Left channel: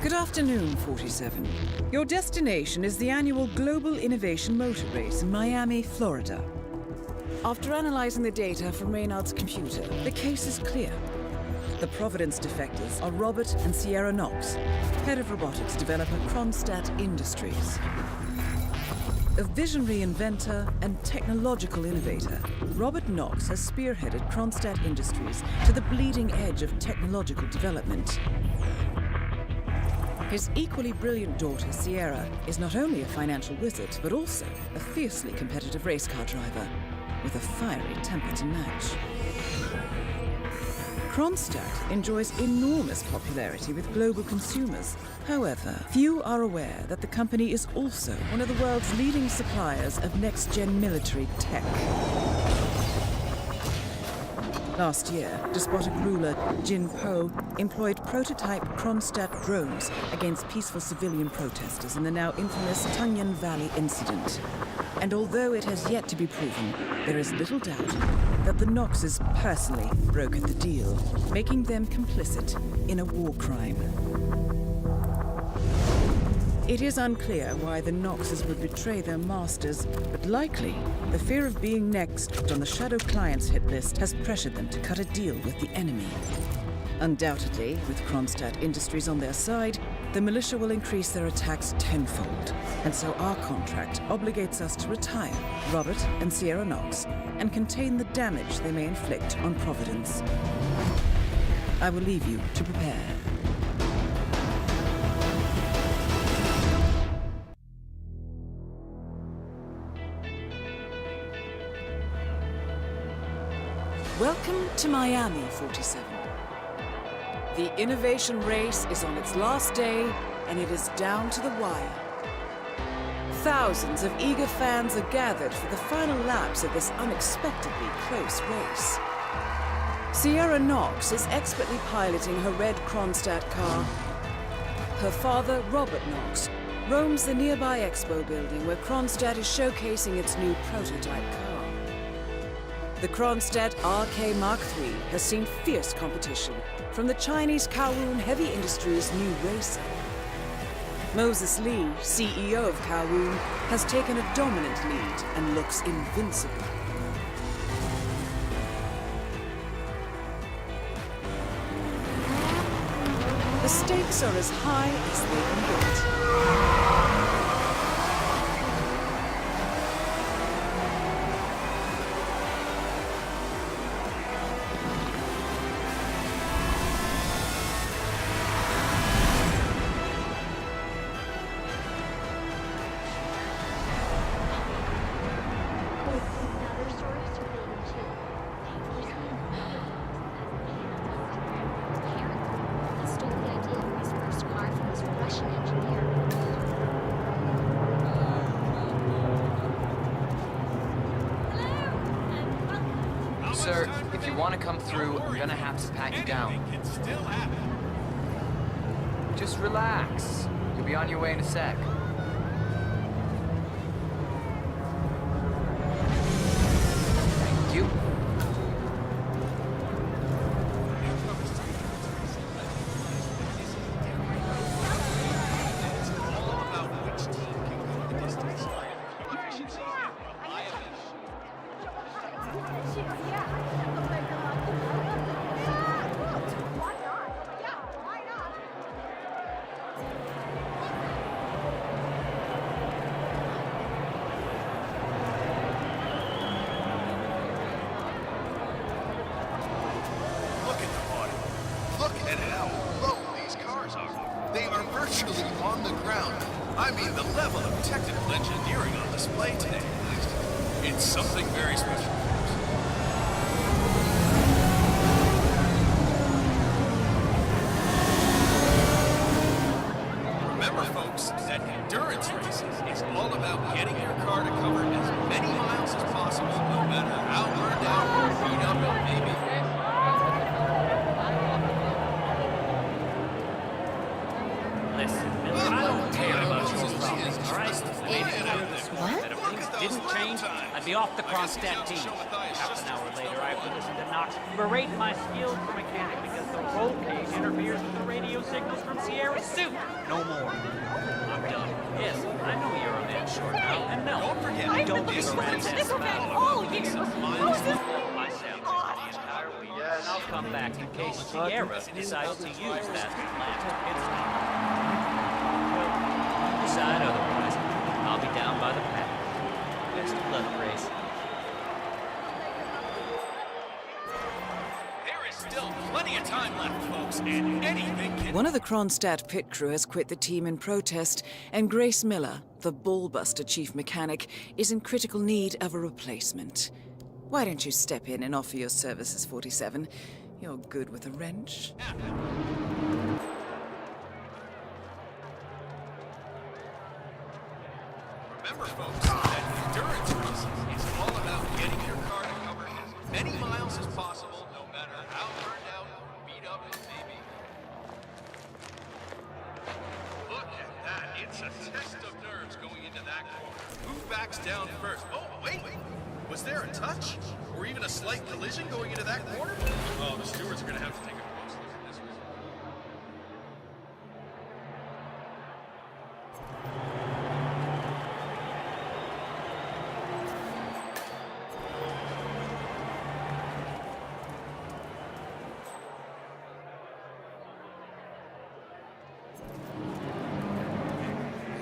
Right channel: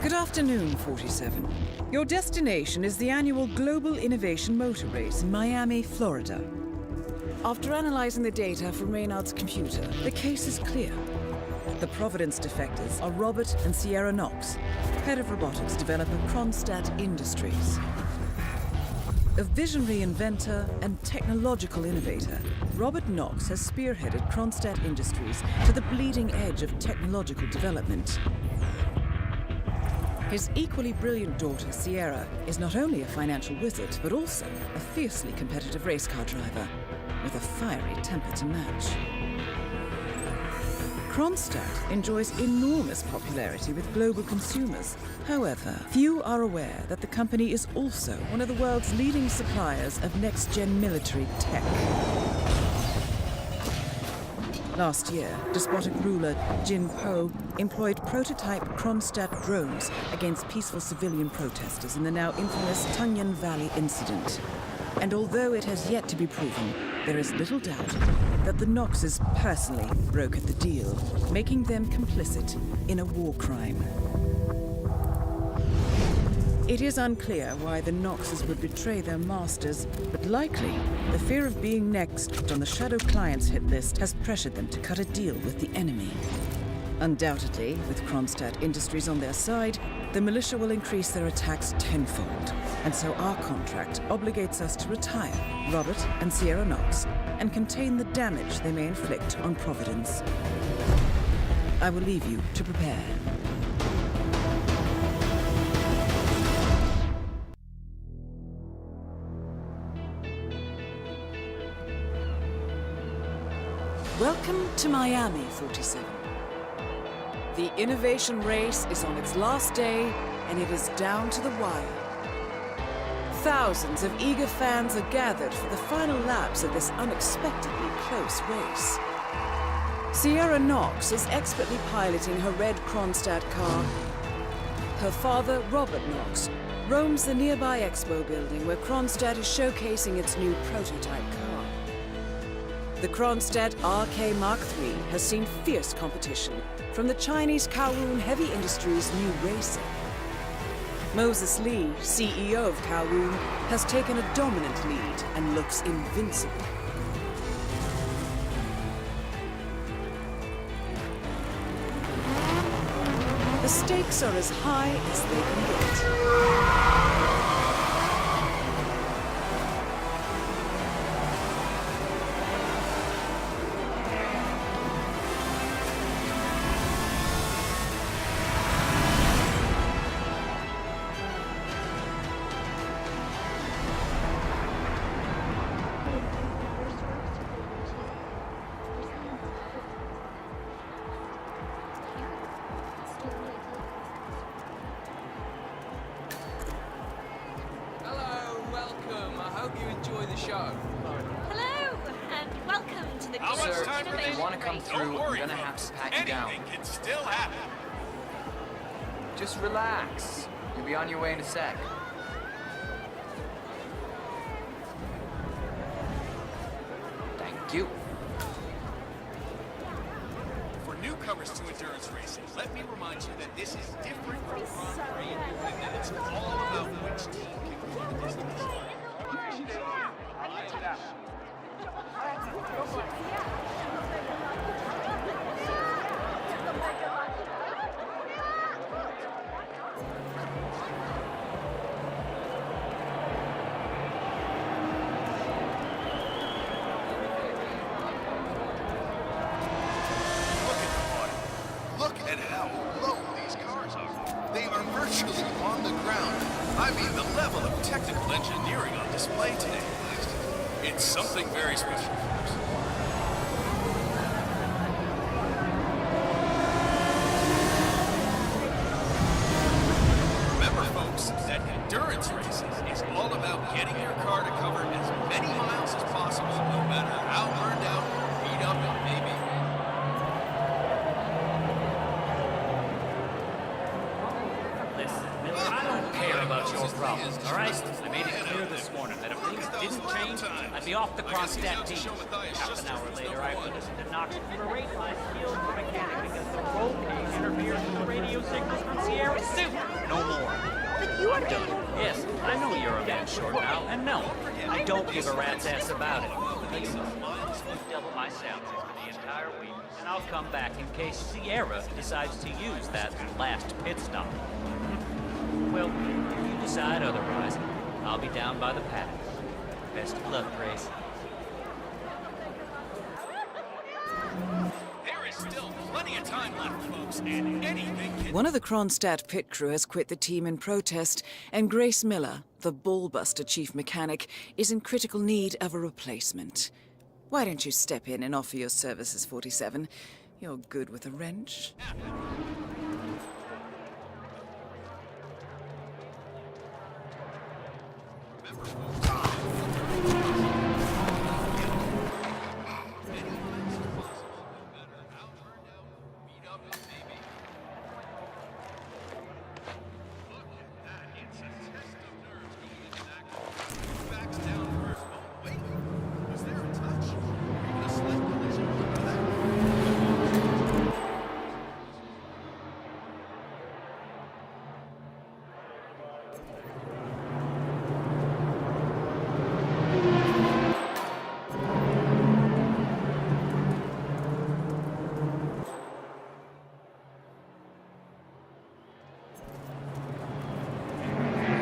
Good afternoon, 47. Your destination is the annual Global Innovation Motor Race in Miami, Florida. After analyzing the data from Reynard's computer, the case is clear. The Providence defectors are Robert and Sierra Knox, head of robotics developer Kronstadt Industries. A visionary inventor and technological innovator, Robert Knox has spearheaded Kronstadt Industries to the bleeding edge of technological development. His equally brilliant daughter, Sierra, is not only a financial wizard, but also a fiercely competitive race car driver, with a fiery temper to match. Kronstadt enjoys enormous popularity with global consumers. However, few are aware that the company is also one of the world's leading suppliers of next-gen military tech. Last year, despotic ruler Jin Po employed prototype Kronstadt drones against peaceful civilian protesters in the now infamous Tungan Valley incident. And although it has yet to be proven, there is little doubt that the Knoxes personally brokered the deal, making them complicit in a war crime. It is unclear why the Knoxes would betray their masters, but likely the fear of being next on the Shadow Clients hit list has pressured them to cut a deal with the enemy. Undoubtedly, with Kronstadt Industries on their side, the militia will increase their attacks tenfold, and so our contract obligates us to retire Robert and Sierra Knox and contain the damage they may inflict on Providence. I will leave you to prepare. Welcome to Miami, 47. The innovation race is on its last day, and it is down to the wire. Thousands of eager fans are gathered for the final laps of this unexpectedly close race. Sierra Knox is expertly piloting her red Kronstadt car. Her father, Robert Knox, roams the nearby expo building where Kronstadt is showcasing its new prototype car. The Kronstadt RK Mark III has seen fierce competition from the Chinese Kowloon Heavy Industries' new racer. Moses Lee, CEO of Kowloon, has taken a dominant lead and looks invincible. The stakes are as high as they can get. Sir, if you want to come through, I'm gonna have to pat you down. Anything can still happen. Just relax. You'll be on your way in a sec. Thank you. For newcomers to endurance racing, let me remind you that this is different from and that it's all about which team can go the distance. Efficiency, reliability. Look at how low these cars are. They are virtually on the ground. I mean, the level of technical engineering on display today. It's something very special. Remember, folks, that endurance racing is all about getting your car to cover as many miles as possible, no matter how burned out or beat up it may be. Listen, Miller, I don't care about your problems, all right? I made it clear this morning that if things didn't change, I'd be off the Kronstadt team. Half an hour later, I have to listen to Knox berate my skills as a mechanic because the roll cage interferes with the radio signals from Sierra's suit. No more. I'm done. Yes, I know you're a man short now, and no, I don't give a rat's ass about it. I'll double my salary for the entire week, and I'll come back in case Sierra decides to use that last pit stop. Well, if you decide otherwise, I'll be down by the paddock. Best of luck, Grace. There is still plenty of time left, folks, and anything can... One of the Kronstadt pit crew has quit the team in protest, and Grace Miller, the ballbuster chief mechanic, is in critical need of a replacement. Why don't you step in and offer your services, 47? You're good with a wrench. Remember, folks, that endurance race is all about getting your car to cover as many miles as possible, no matter how burned out or beat up it may be. Look at that. It's a test of nerves going into that corner. Who backs down first? Oh, wait. Was there a touch? Or even a slight collision going into that corner? Oh, Stewart's going to have to take a close look at this one.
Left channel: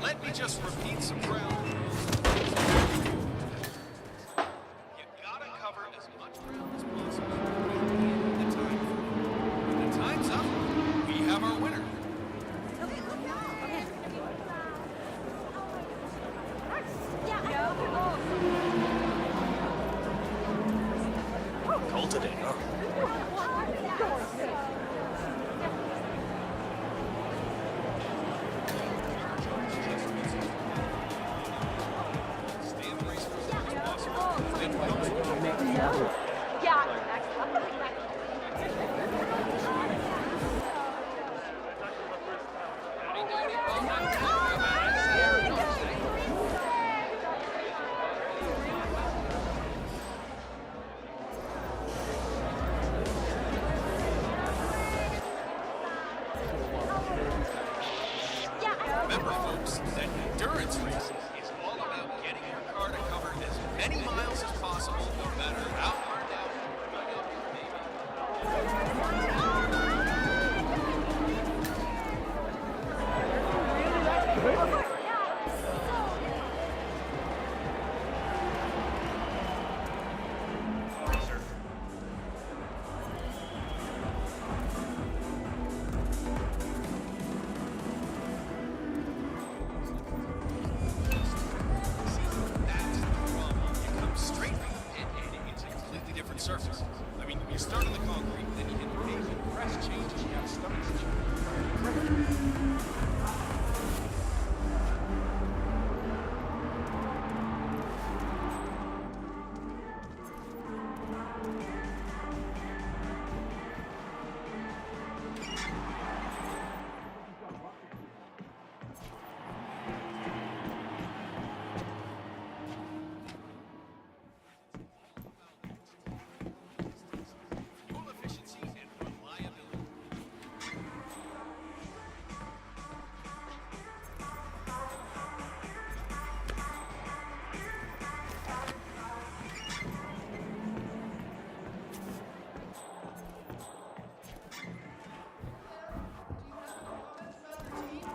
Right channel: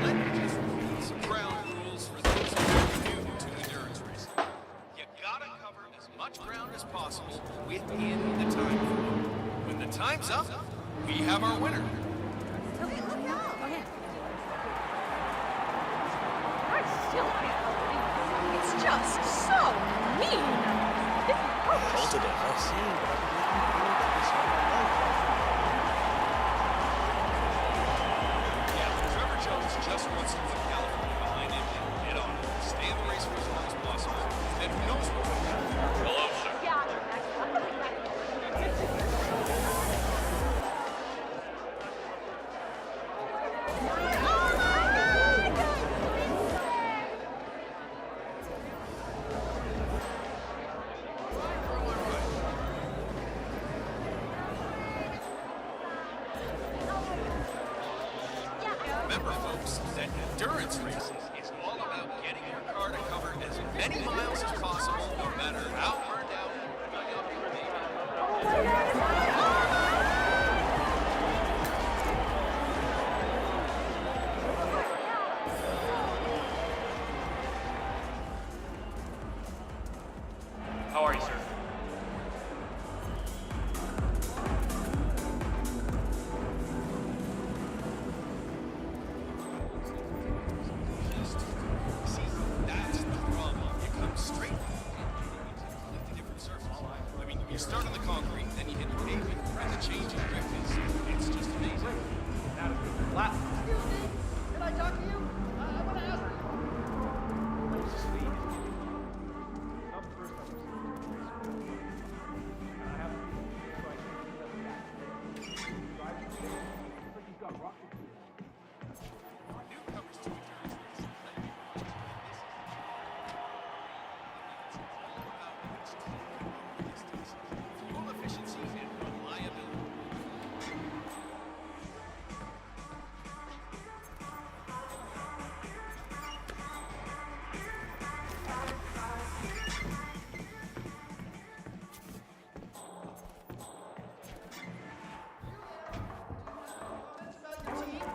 Let me just repeat some ground rules for those who are new to endurance racing. You gotta cover as much ground as possible within the time frame. When the time's up, we have our winner. Okay, look out! Okay. It's just so mean. Bolted it, huh? Trevor Jones just wants to put California behind him and head on. Stay in the race for as long as possible. Then who knows what will make it happen. Remember, folks, that endurance racing is all about getting your car to cover as many miles as possible, no matter how burned out or beat up you may be. How are you, sir? See, that's the problem. You come straight from the pit and it's a completely different surface. I mean, you start on the concrete, then you hit the pavement, press changes directions. It's just amazing. Fuel efficiency and reliability.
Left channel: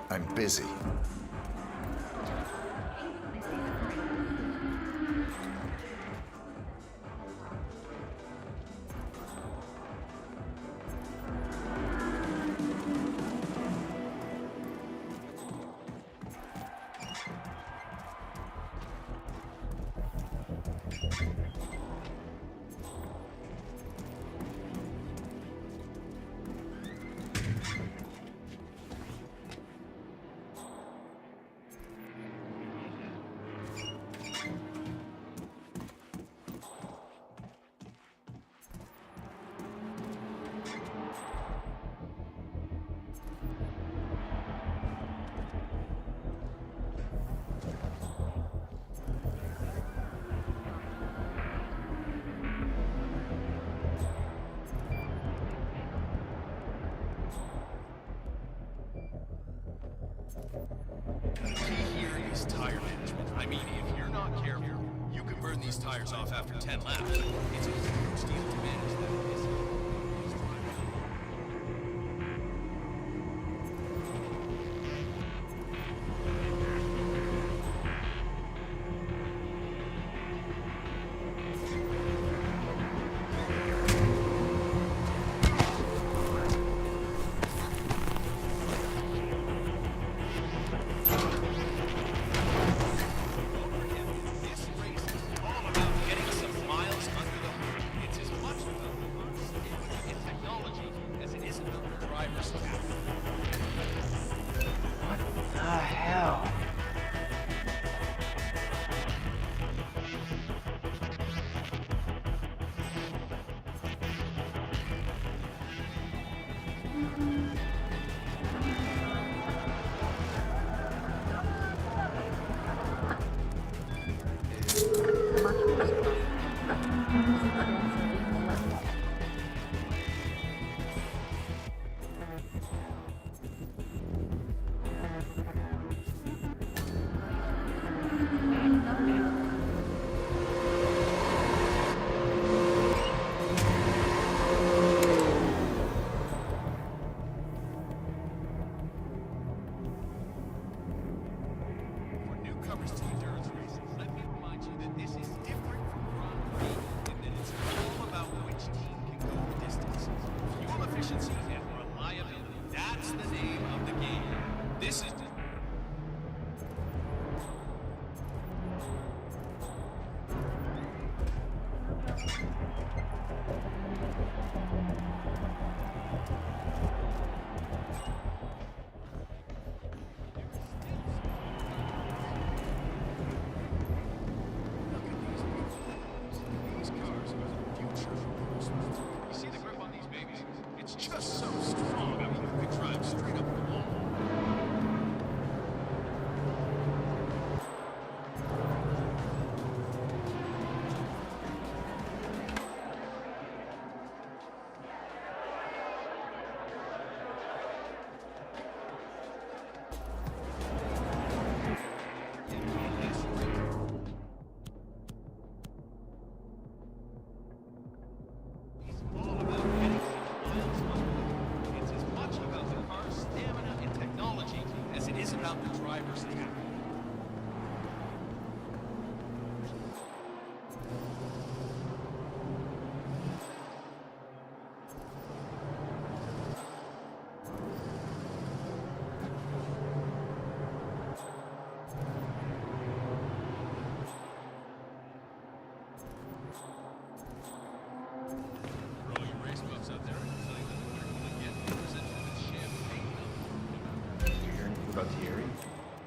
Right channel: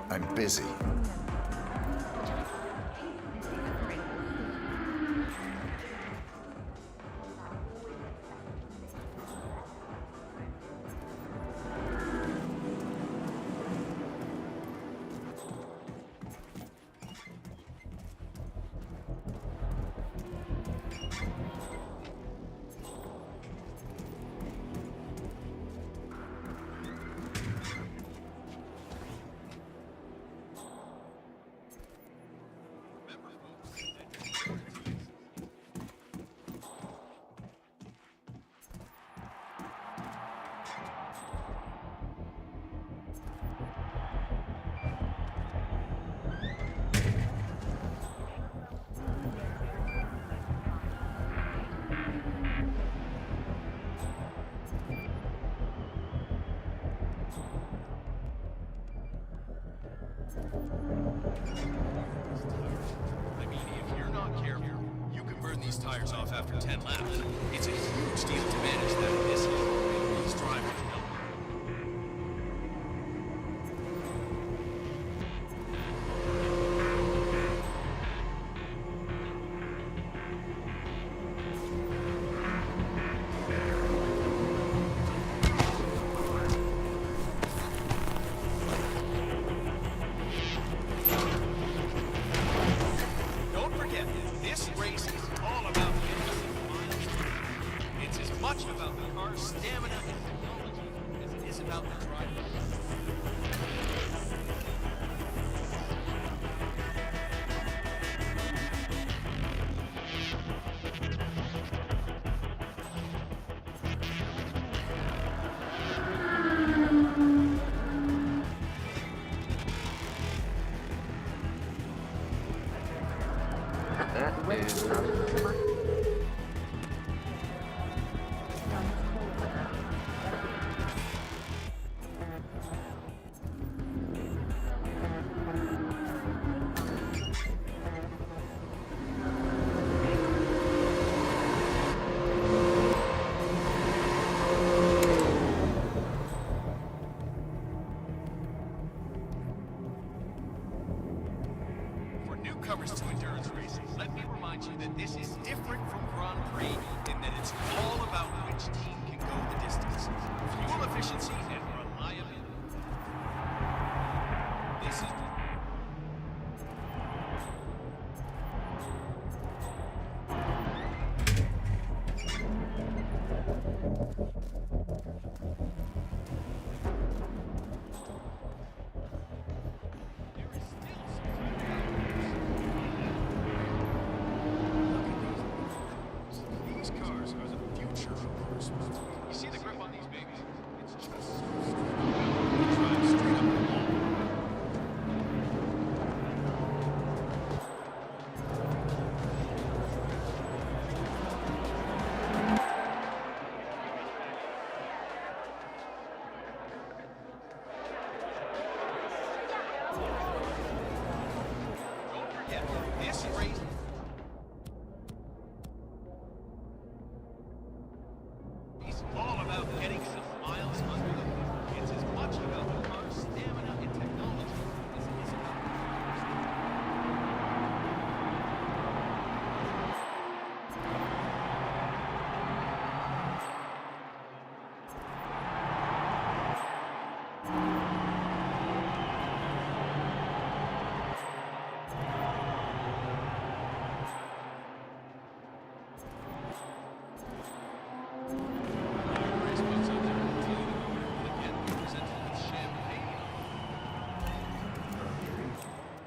I'm busy. The key here is tire management. I mean, if you're not careful, you can burn these tires off after 10 laps. It's a huge deal to manage them. This is driving. Don't forget, this race is all about getting some miles under the hood. It's as much about the car's stamina and technology as it is about the driver's skill. Hell. That is not... For newcomers to endurance racing, let me remind you that this is different from Grand Prix in that it's all about which team can go the distance. Fuel efficiency and reliability, that's the name of the game. This is... Look at these beautiful. These cars are the future of motorsport. You see the grip on these babies? It's just so strong. They drive straight up the wall. Don't forget, this race is all about getting some miles under the hood. It's as much about the car's stamina and technology as it is about the driver's skill. Race books out there will tell you that the winner will again be presented with champagne. From Terry.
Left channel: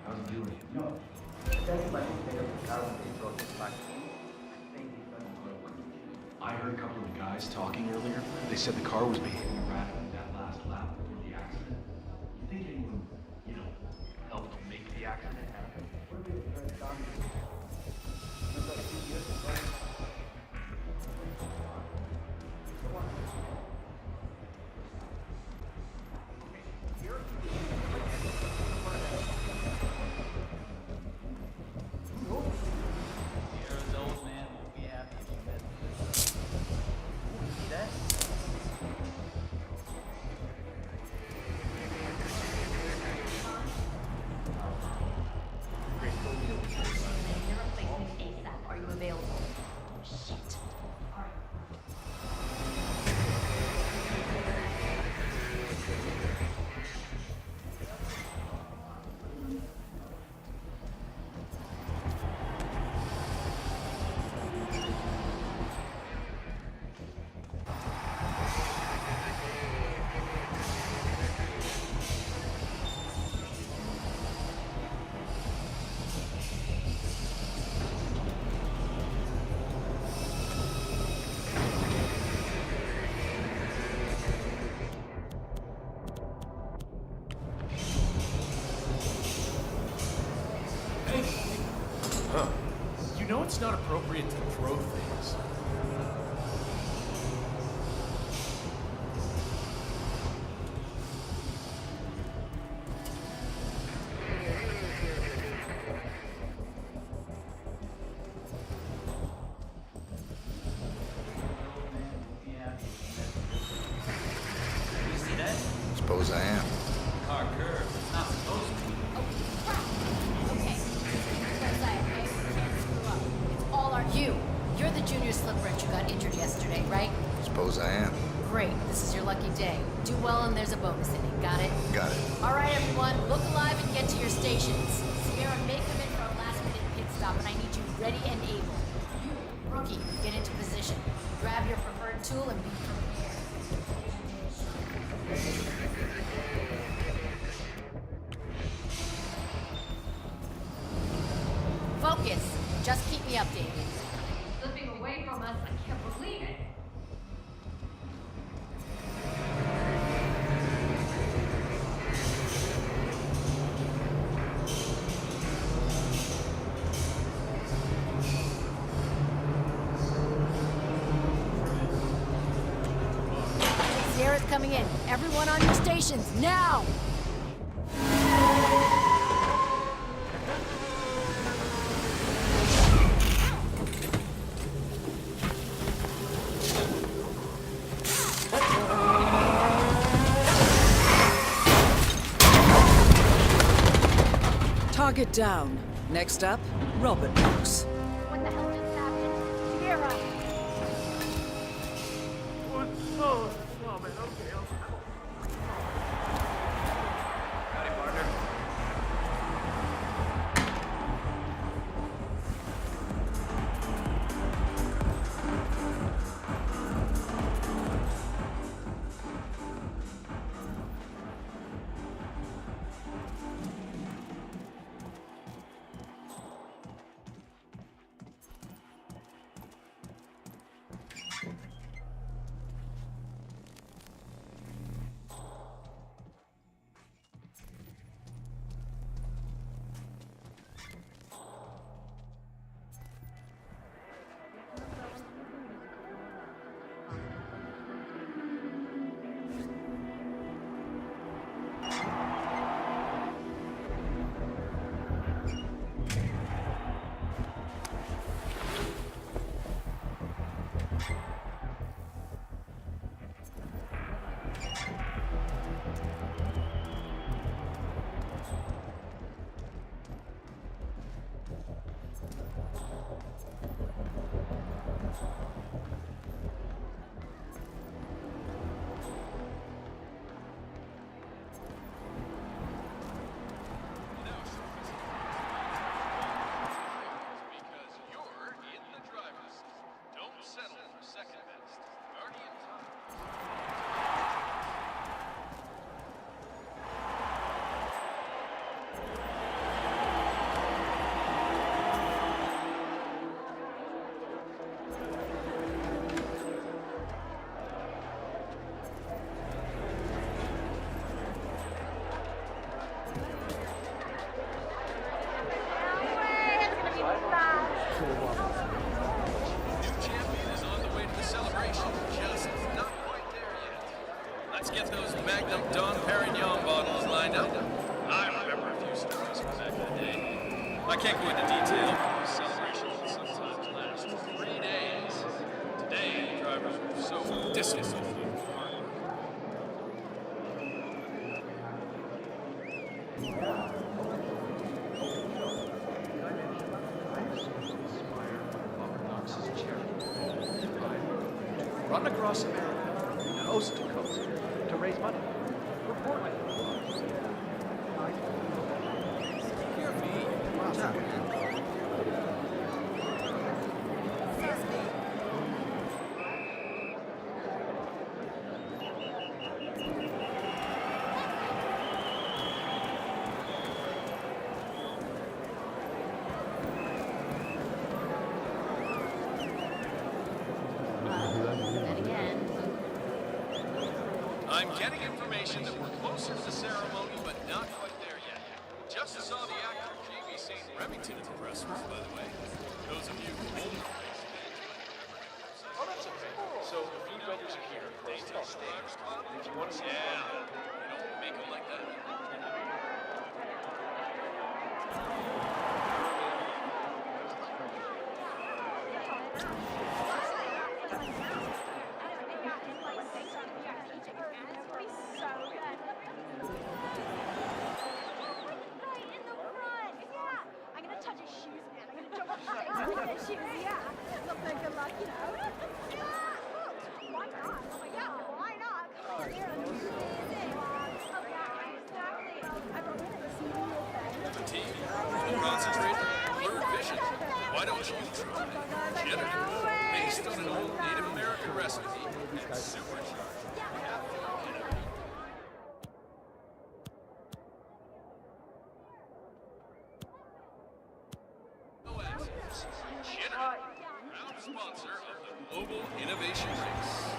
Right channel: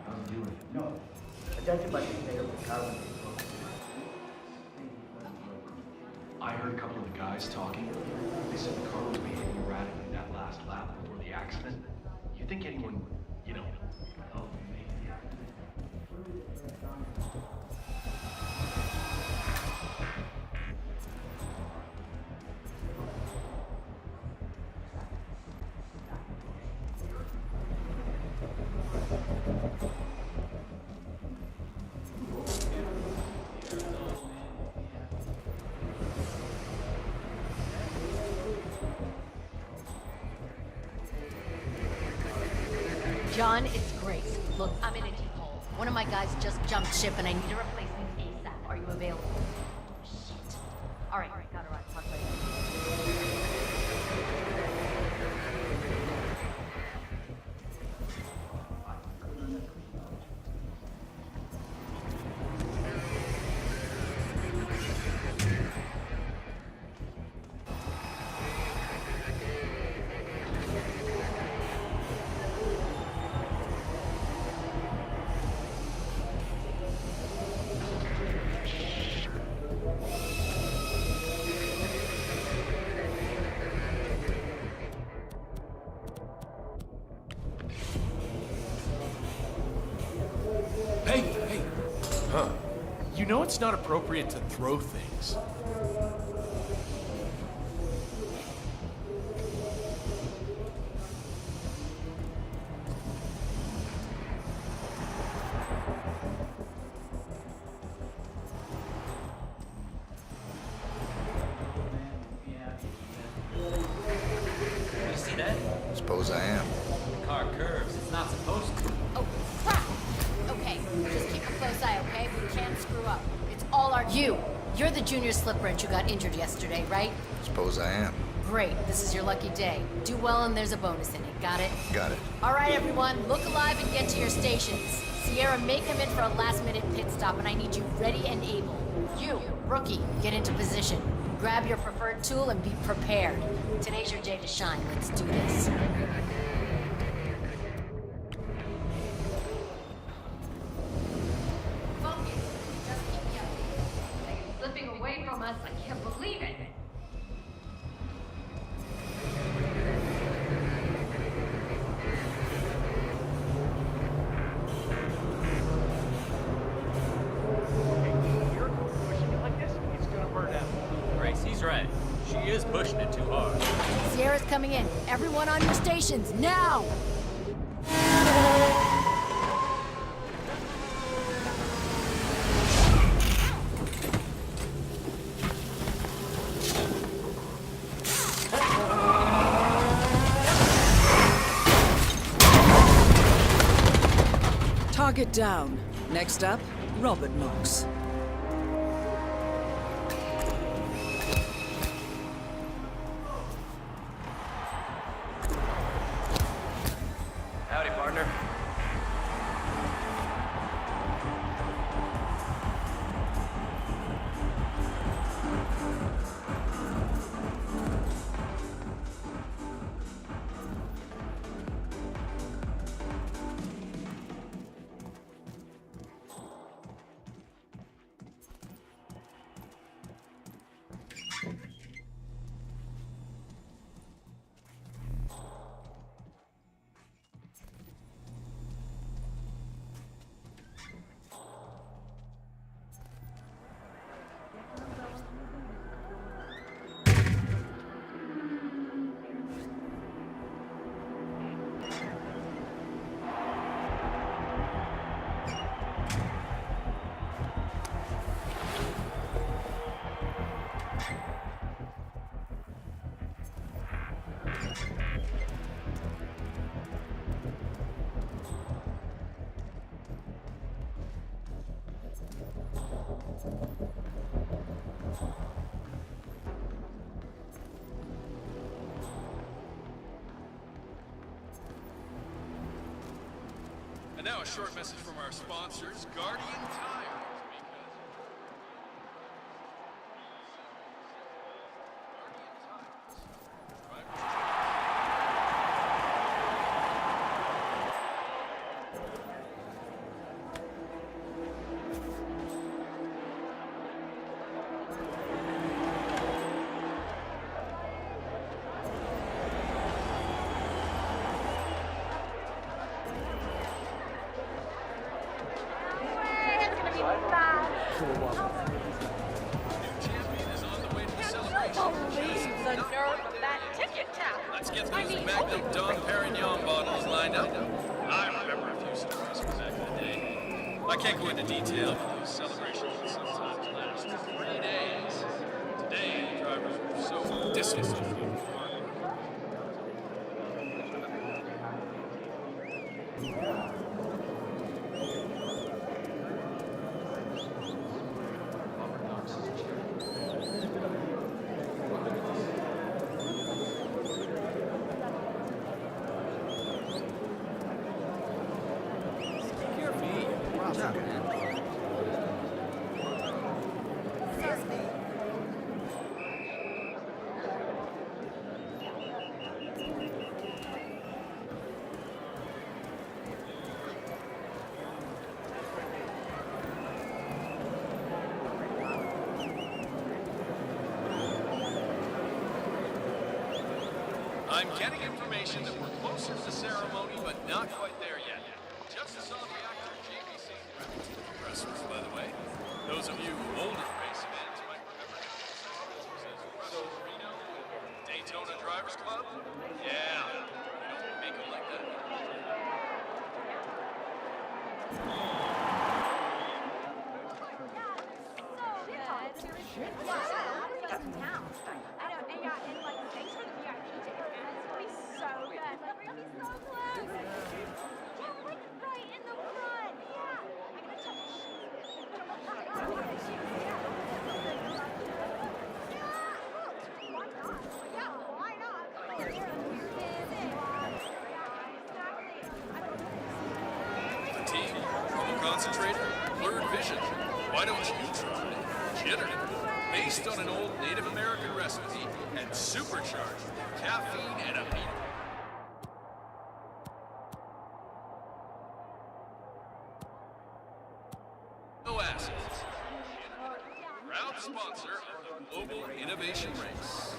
How's it doing? No. I thought you might pick up the car when they broke the light. I heard a couple of the guys talking earlier. They said the car was behaving erratically that last lap before the accident. You think anyone, helped make the accident? John, it's Grace. Look, I'm in a heat. One of my guys just jumped ship and I need a replacement ASAP. Are you available? Shit. All right, how do I talk Hey! Huh? You know it's not appropriate to throw things. You're the junior slip wrench who got injured yesterday, right? Suppose I am. Great, this is your lucky day. Do well and there's a bonus in it, got it? Got it. Alright everyone, look alive and get to your stations. Sierra, make him in for a last-minute pit stop and I need you ready and able. You, rookie, get into position. Grab your preferred tool and be prepared. Today's your day to shine. Let's do this. Focus. Just keep me updated. They're slipping away from us. I can't believe it. Gracie's right. She is pushing it too hard. Sierra's coming in. Everyone on your stations, now! Target down. Next up, Robert Knox. Howdy, partner. And now a short message from our sponsors, Guardian Tires, because you're in the driver's seat. Don't settle for second best. Guardian Tires. New champion is on the way to the celebration. Just not quite there yet. Let's get those Magnum Dom Perignon bottles lined up. I remember a few stories from back in the day. I can't go into detail, but those celebrations can sometimes last 3 days. Today, the drivers were so distant. Run across it. Post. To raise money. Take care of me. Watch out, man. I'm getting information that we're closer to the ceremony, but not quite there yet. Just saw the actor J.B. St. Remington at the press room, by the way. Those of you older race fans might remember him. So, Reno, Daytona Drivers Club? Yeah, you don't make them like that. Shoes, yeah. team? Triple concentrator? Blurred vision? Why don't you try Jitter? Based on an old Native American recipe and supercharged with caffeine and amino. No acids. Jitter, proud sponsor of the Global Innovation Race.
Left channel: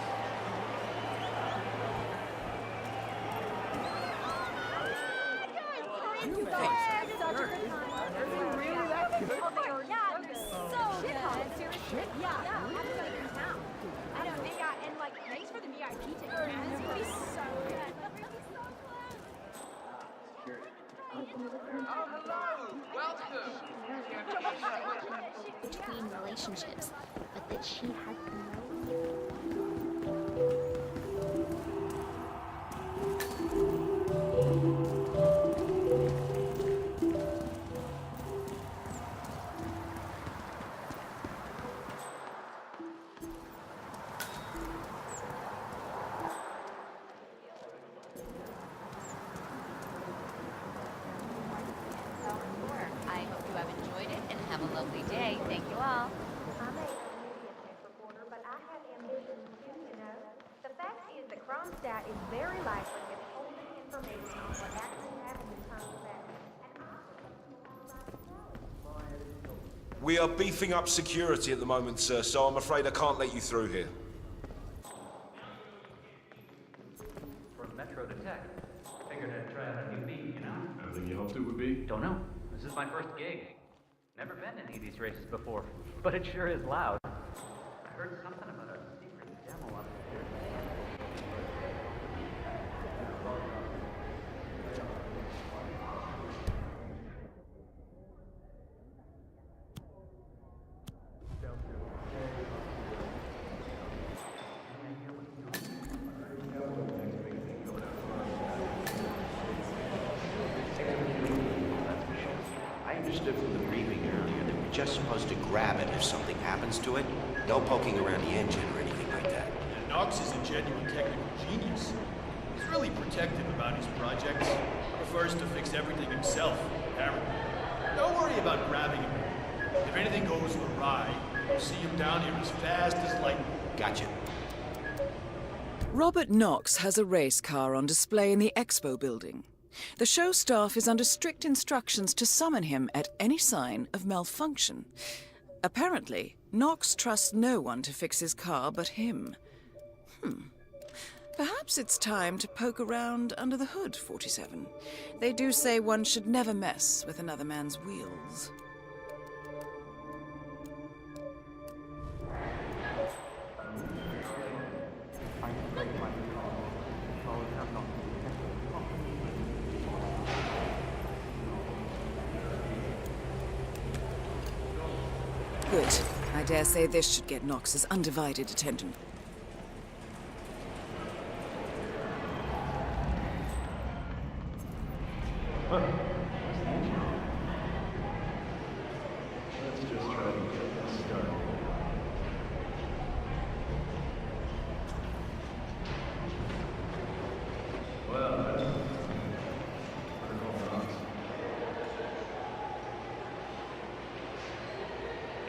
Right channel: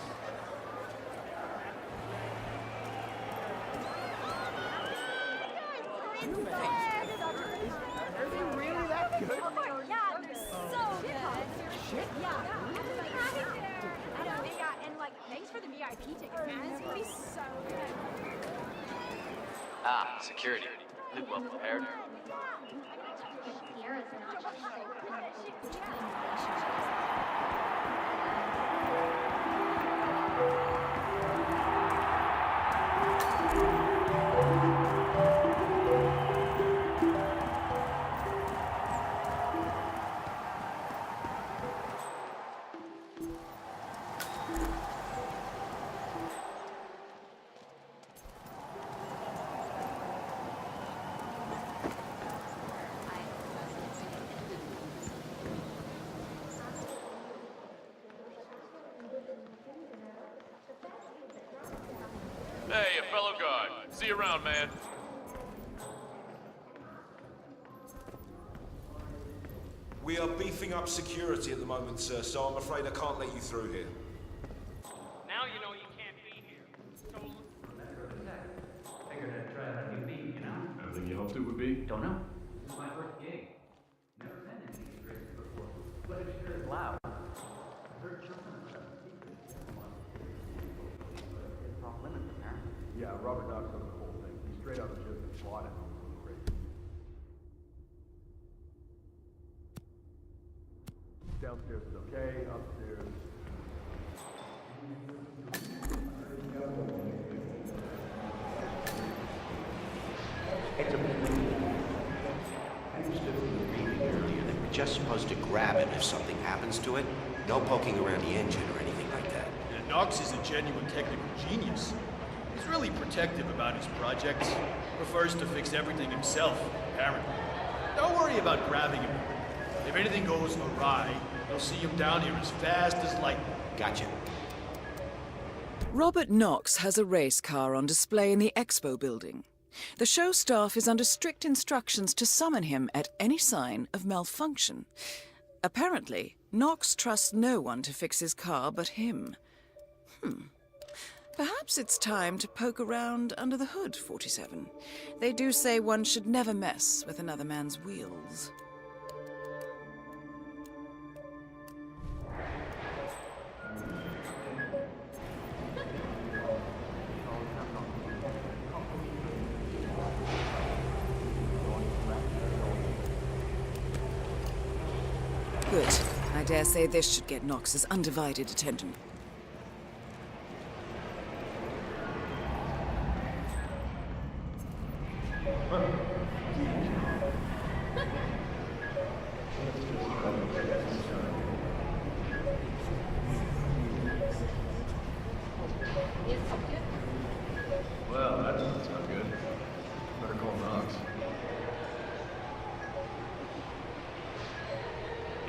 Really that good? Yeah, they're so good. Shit? Yeah. I know, and like, thanks for the VIP ticket, man. It's gonna be so good. Ah, security. Live well prepared. Between relationships. I hope you have enjoyed it and have a lovely day. Thank you all. Hey, a fellow guard. See you around, man. We are beefing up security at the moment, sir, so I'm afraid I can't let you through here. Now you know you can't be here. For Metro Detect. Figured I'd try out a new beat, you know? Everything you hoped it would be? Don't know. This is my first gig. Never been in any of these races before, but it sure is loud. I heard something about a secret demo on here. Yeah, Robert got straight up the water. Downstairs. Okay, upstairs. I understood from the briefing earlier that we're just supposed to grab him if something happens to it. No poking around the engine or anything like that. And Knox is a genuine technical genius. He's really protective about his projects. Prefers to fix everything himself, apparently. Don't worry about grabbing him. If anything goes awry, you'll see him down here as fast as lightning. Gotcha. Robert Knox has a race car on display in the expo building. The show staff is under strict instructions to summon him at any sign of malfunction. Apparently, Knox trusts no one to fix his car but him. Perhaps it's time to poke around under the hood, 47. They do say one should never mess with another man's wheels. Good. I dare say this should get Knox's undivided attention. What's the engine on? Let's just try to get this started. Well, that doesn't sound good. Better call Knox.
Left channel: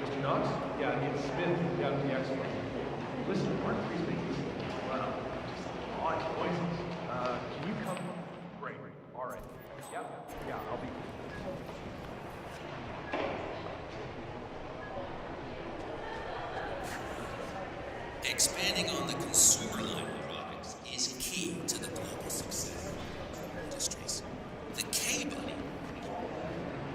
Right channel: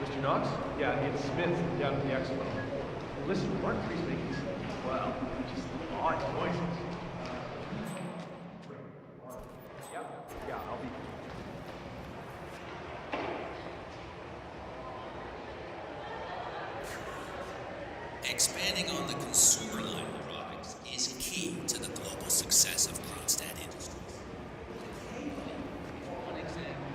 Mr. Knox? Yeah, it's Smith down at the expo. Listen, weren't Freeze making some, well, just odd noises. Can you come? Great. All right. Yeah, I'll be. Expanding on the consumer line of products is key to the global success of Kronstadt Industries. The K-Buddy is one example.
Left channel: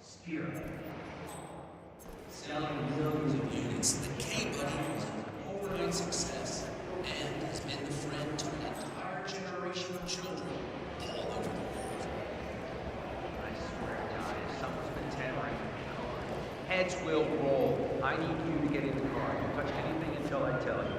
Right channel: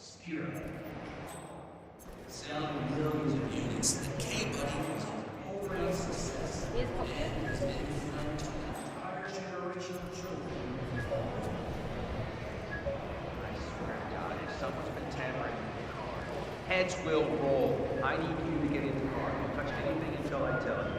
Skira. Selling millions of units, the K-Buddy was an overnight success and has been the friend to an entire generation of children all over the world. I swear to God, if someone's been tampering with the car, heads will roll. I need you to get in the car. Don't touch anything until I tell you.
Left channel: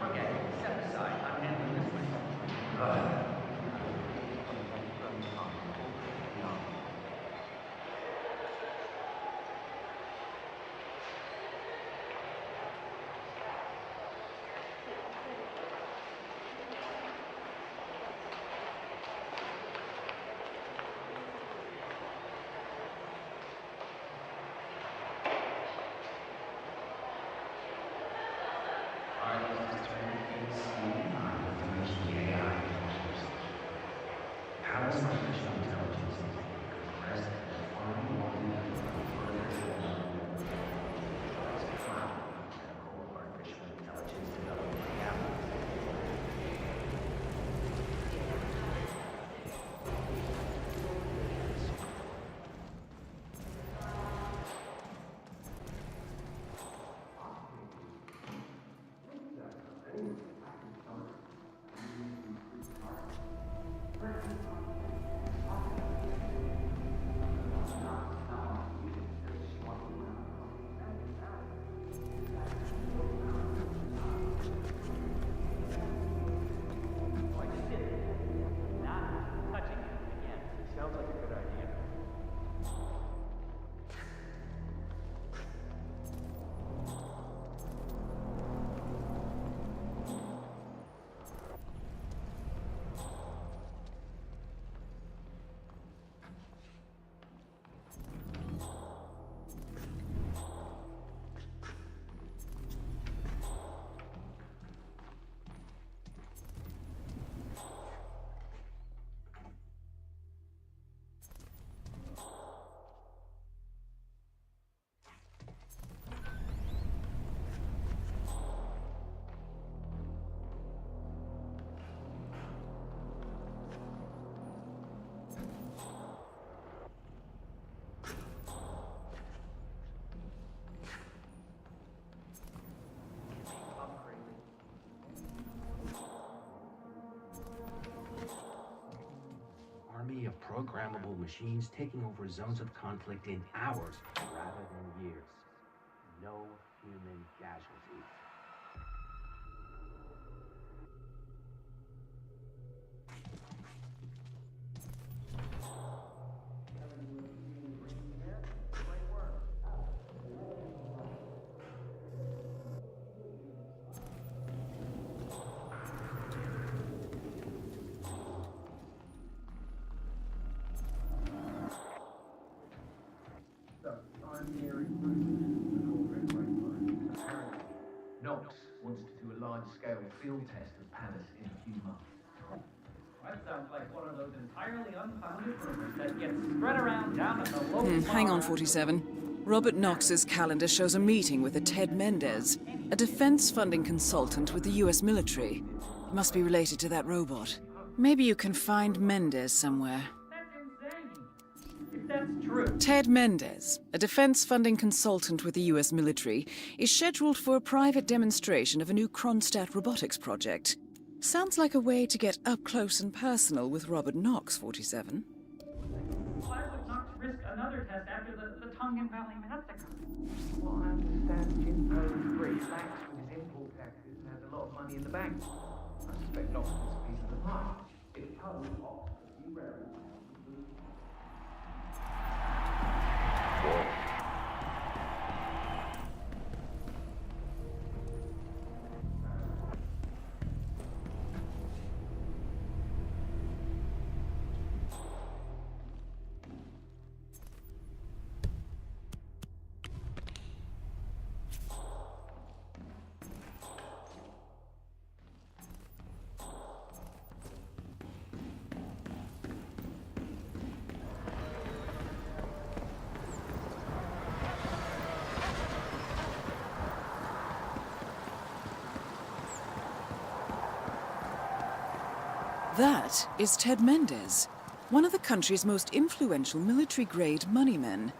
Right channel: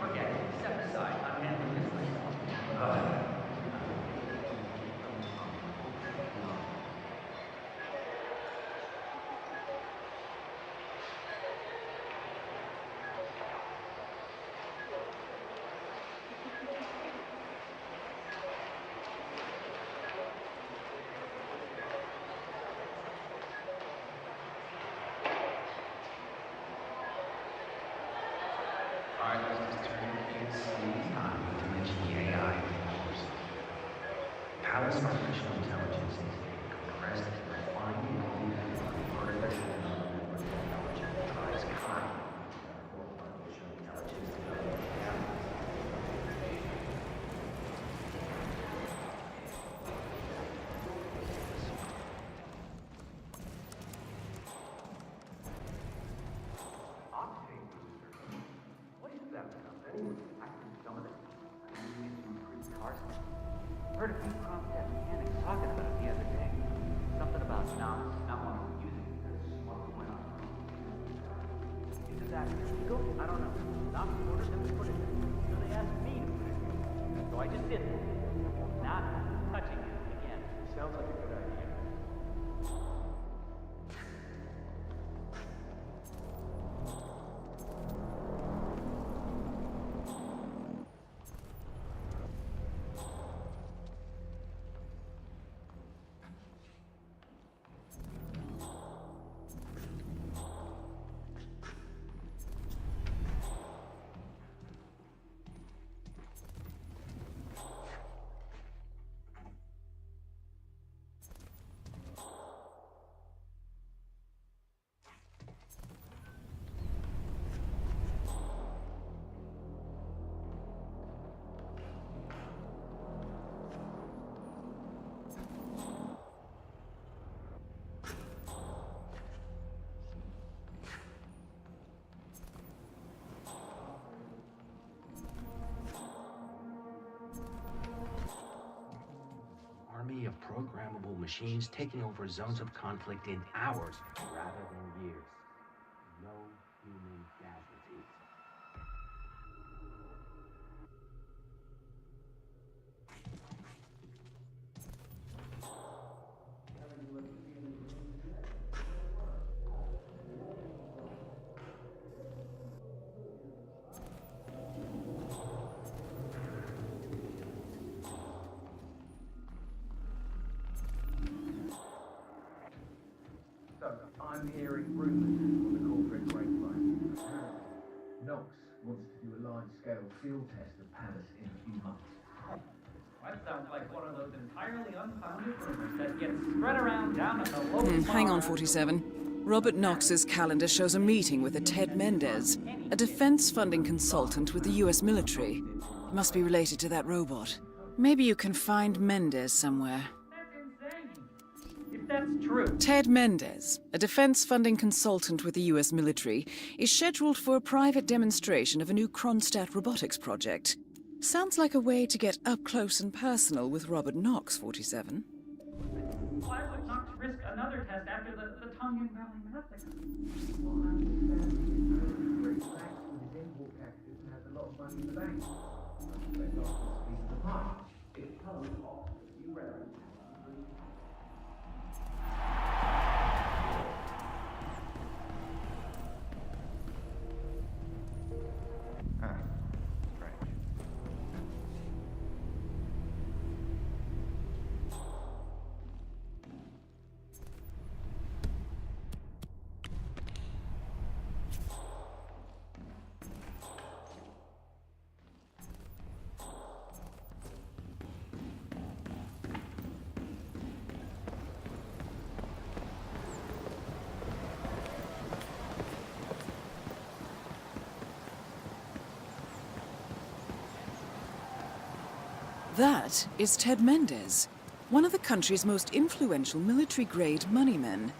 Forget it. Step aside. I'm handling this myself. artificial intelligence is a compressed, refined version of artificial intelligence that drives crime or artificial intelligence development capital. So I just did it. Not touching you again. Sounds like a good idea. Army of programmable machines taking over zones of conflict in hours rather than years. No human casualties. I'm hearing rumors on the corporate grapevine. Apparently, Knox wants to do a large-scale field test of Palace in a few months. That sounds like one of those entirely unfounded rumors that gets spread around down at the local Hang on, bar. 47. Robert Knox's calendar shows a meeting with a Ted Mendez, a defense funding consultant with the US military. He must be related to that robot. Maybe you can find Mendez somewhere. That's insane. If that's true. Ted Mendez, a defense funding consultant with the US military, is scheduled for a private demonstration of a new Kronstadt robotics project. Sounds like a way to get up close and personal with Robert Knox, 47. Why would Knox risk another test after the Tongan Valley massacre? Well, I understand him owns British banks with his import taxes and has a lot of money in the bank. I suspect Knox is a piece of the pie. If Poe Oxford, you read it. That is Ted Mendez, one of the country's most influential military-grade moneymen.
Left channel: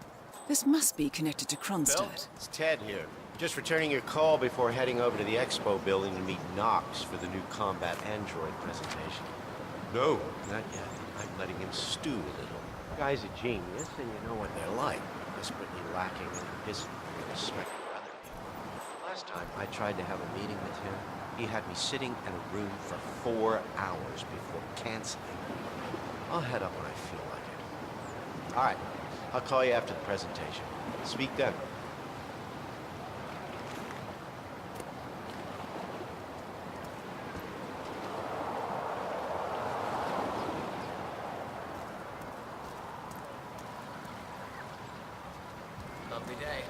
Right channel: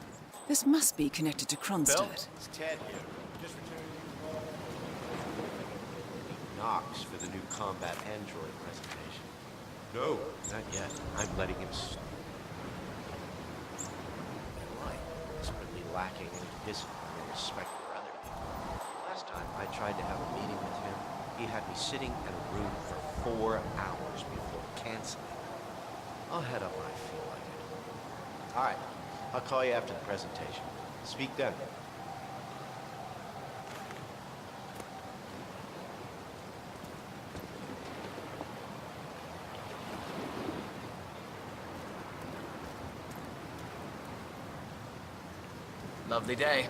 This must be connected to Bill, Kronstadt. it's Ted here. Just returning your call before heading over to the expo building to meet Knox for the new combat android presentation. No, not yet. I'm letting him stew. The guy's a genius, and you know what they're like. Desperately lacking any discipline and respect for other people. Last time I tried to have a meeting with him, he had me sitting in a room for 4 hours before canceling. I'll head up when I feel like it. All right, I'll call you after the presentation. Speak then. Lovely day.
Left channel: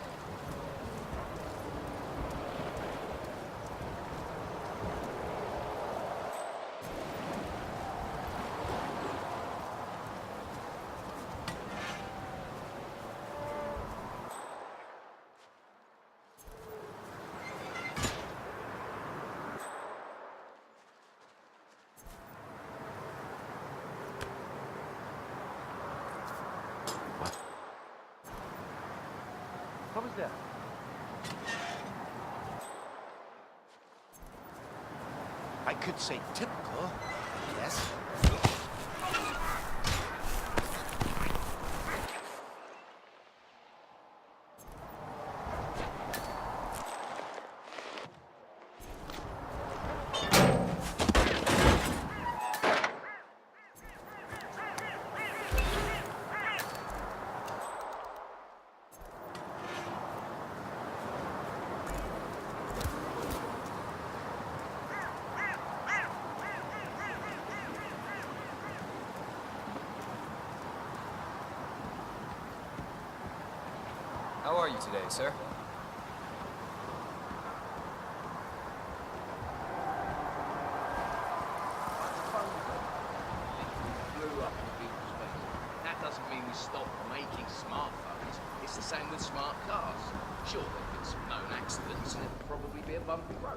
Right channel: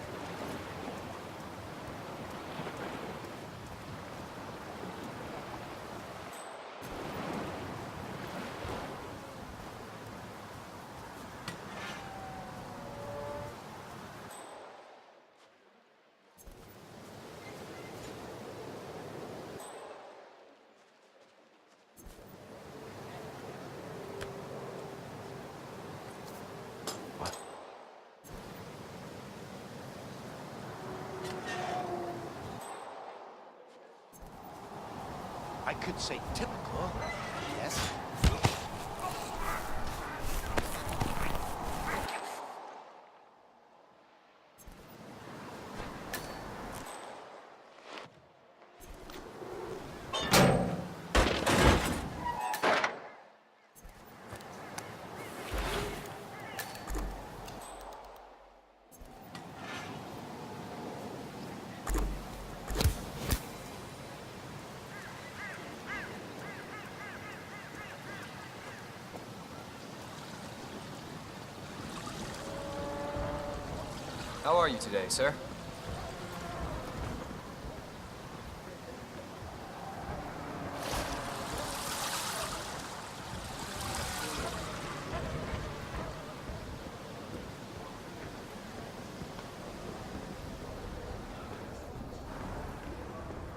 I could say typical, yes. How are you today, sir? That doesn't mean we stop making smartphones. It's the same with smart cars. Sure, there's some known accidents and probably be a bumpy road.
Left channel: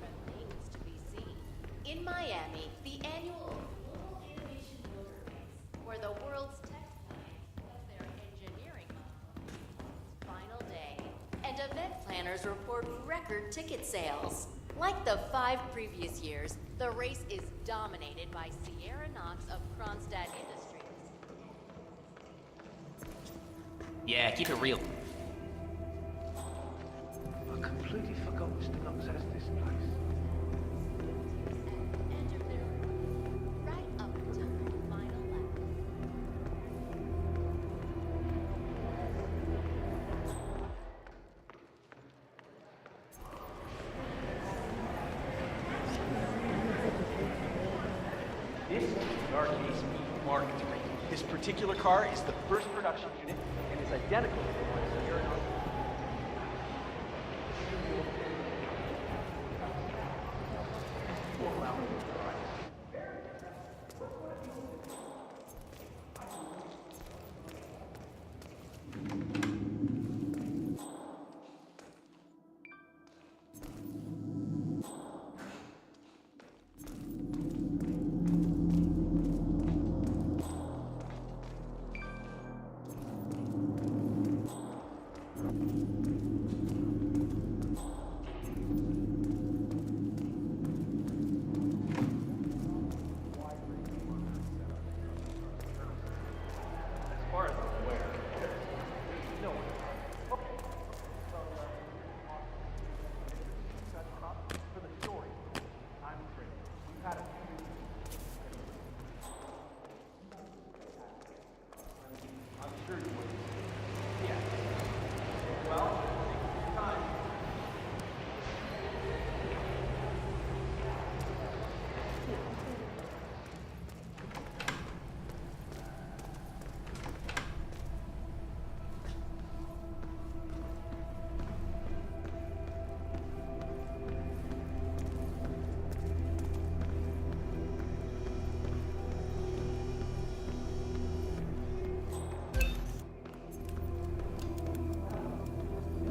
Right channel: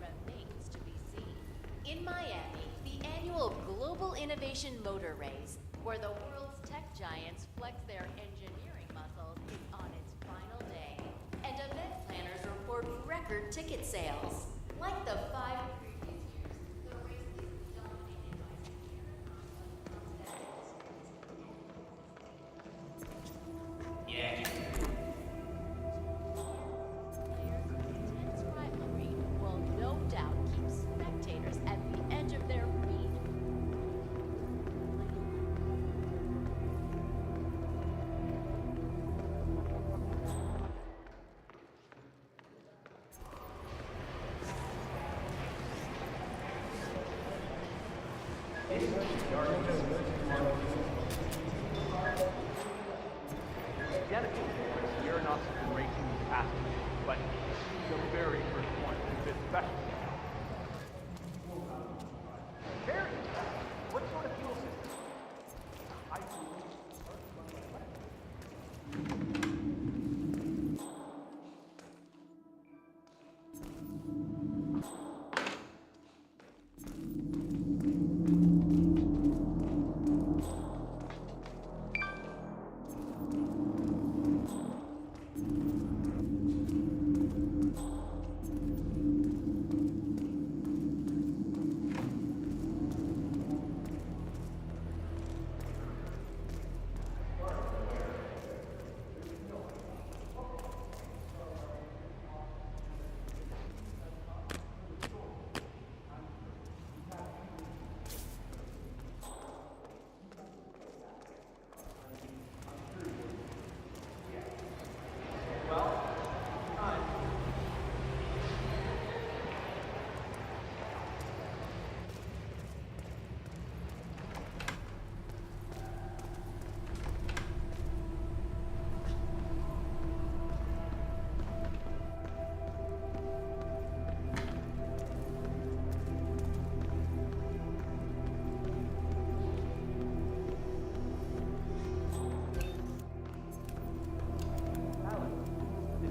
Remains to be seen. In Miami, the annual Global Innovation Motor Race, where the world's tech giants flex their engineering muscle, is on its final day. And event planners report record ticket sales. Like the 5 previous years, the race is dominated by Sierra Knox of Kronstadt Industries. Yeah, keep it real. Will no doubt keep spectators at the edge of their feet right up until the final lap. This is the arcade Mark III. This particular car is the first production unit and is identical to the one Sierra Knox is racing after. But it's really the very first one. It's a special stuff. People around the drive. Very good. What sort of fuel system?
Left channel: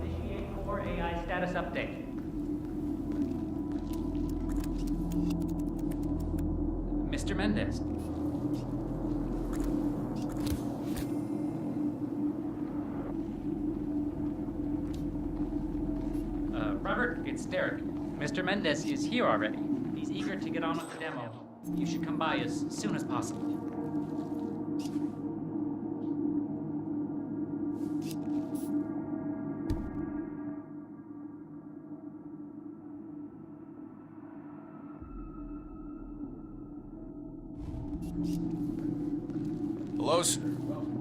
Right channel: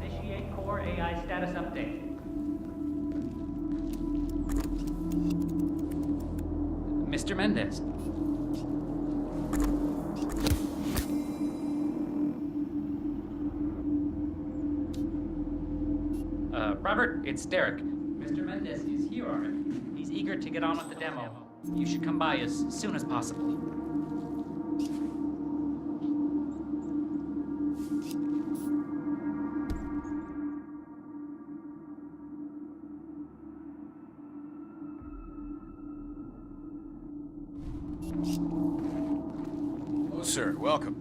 Initiate core AI status update. Mr. Mendez. Robert, it's Derek. Mr. Mendez is here already. He's eager to get on with the demo. You should come by as soon as possible. Hello, sir. Welcome.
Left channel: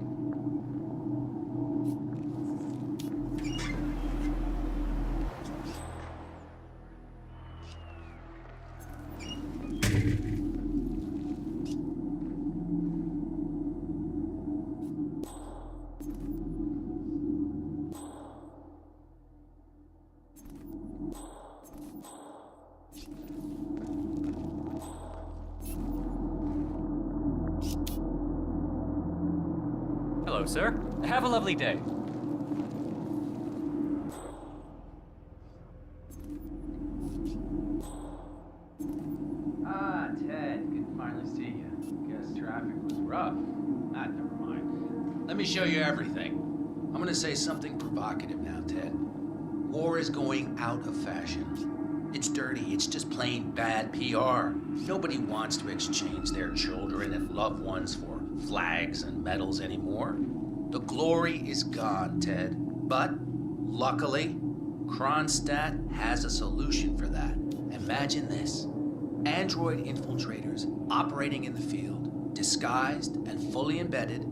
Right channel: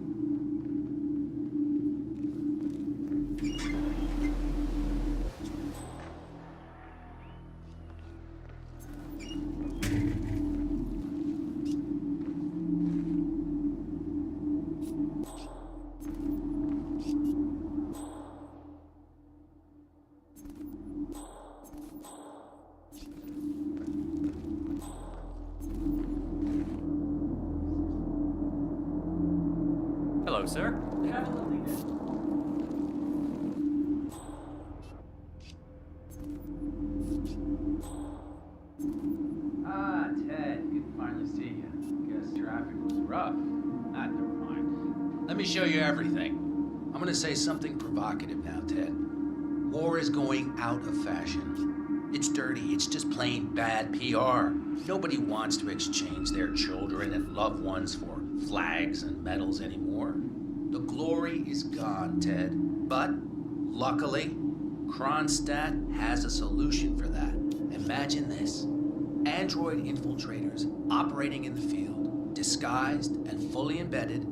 Hello, sir. Have a lovely day. Ah, Ted, good to finally see you. Guess traffic was rough. Ah, never mind. Let me show you everything. I'm gonna say something provocative now, Ted. War is going out of fashion. It's dirty. It's just plain bad PR. Nobody wants to exchange their children and loved ones for flags and medals anymore. The glory is gone, Ted. But, luckily, Kronstadt has a solution for that. Imagine this. Android infiltrators operating in the field, disguised and fully embedded,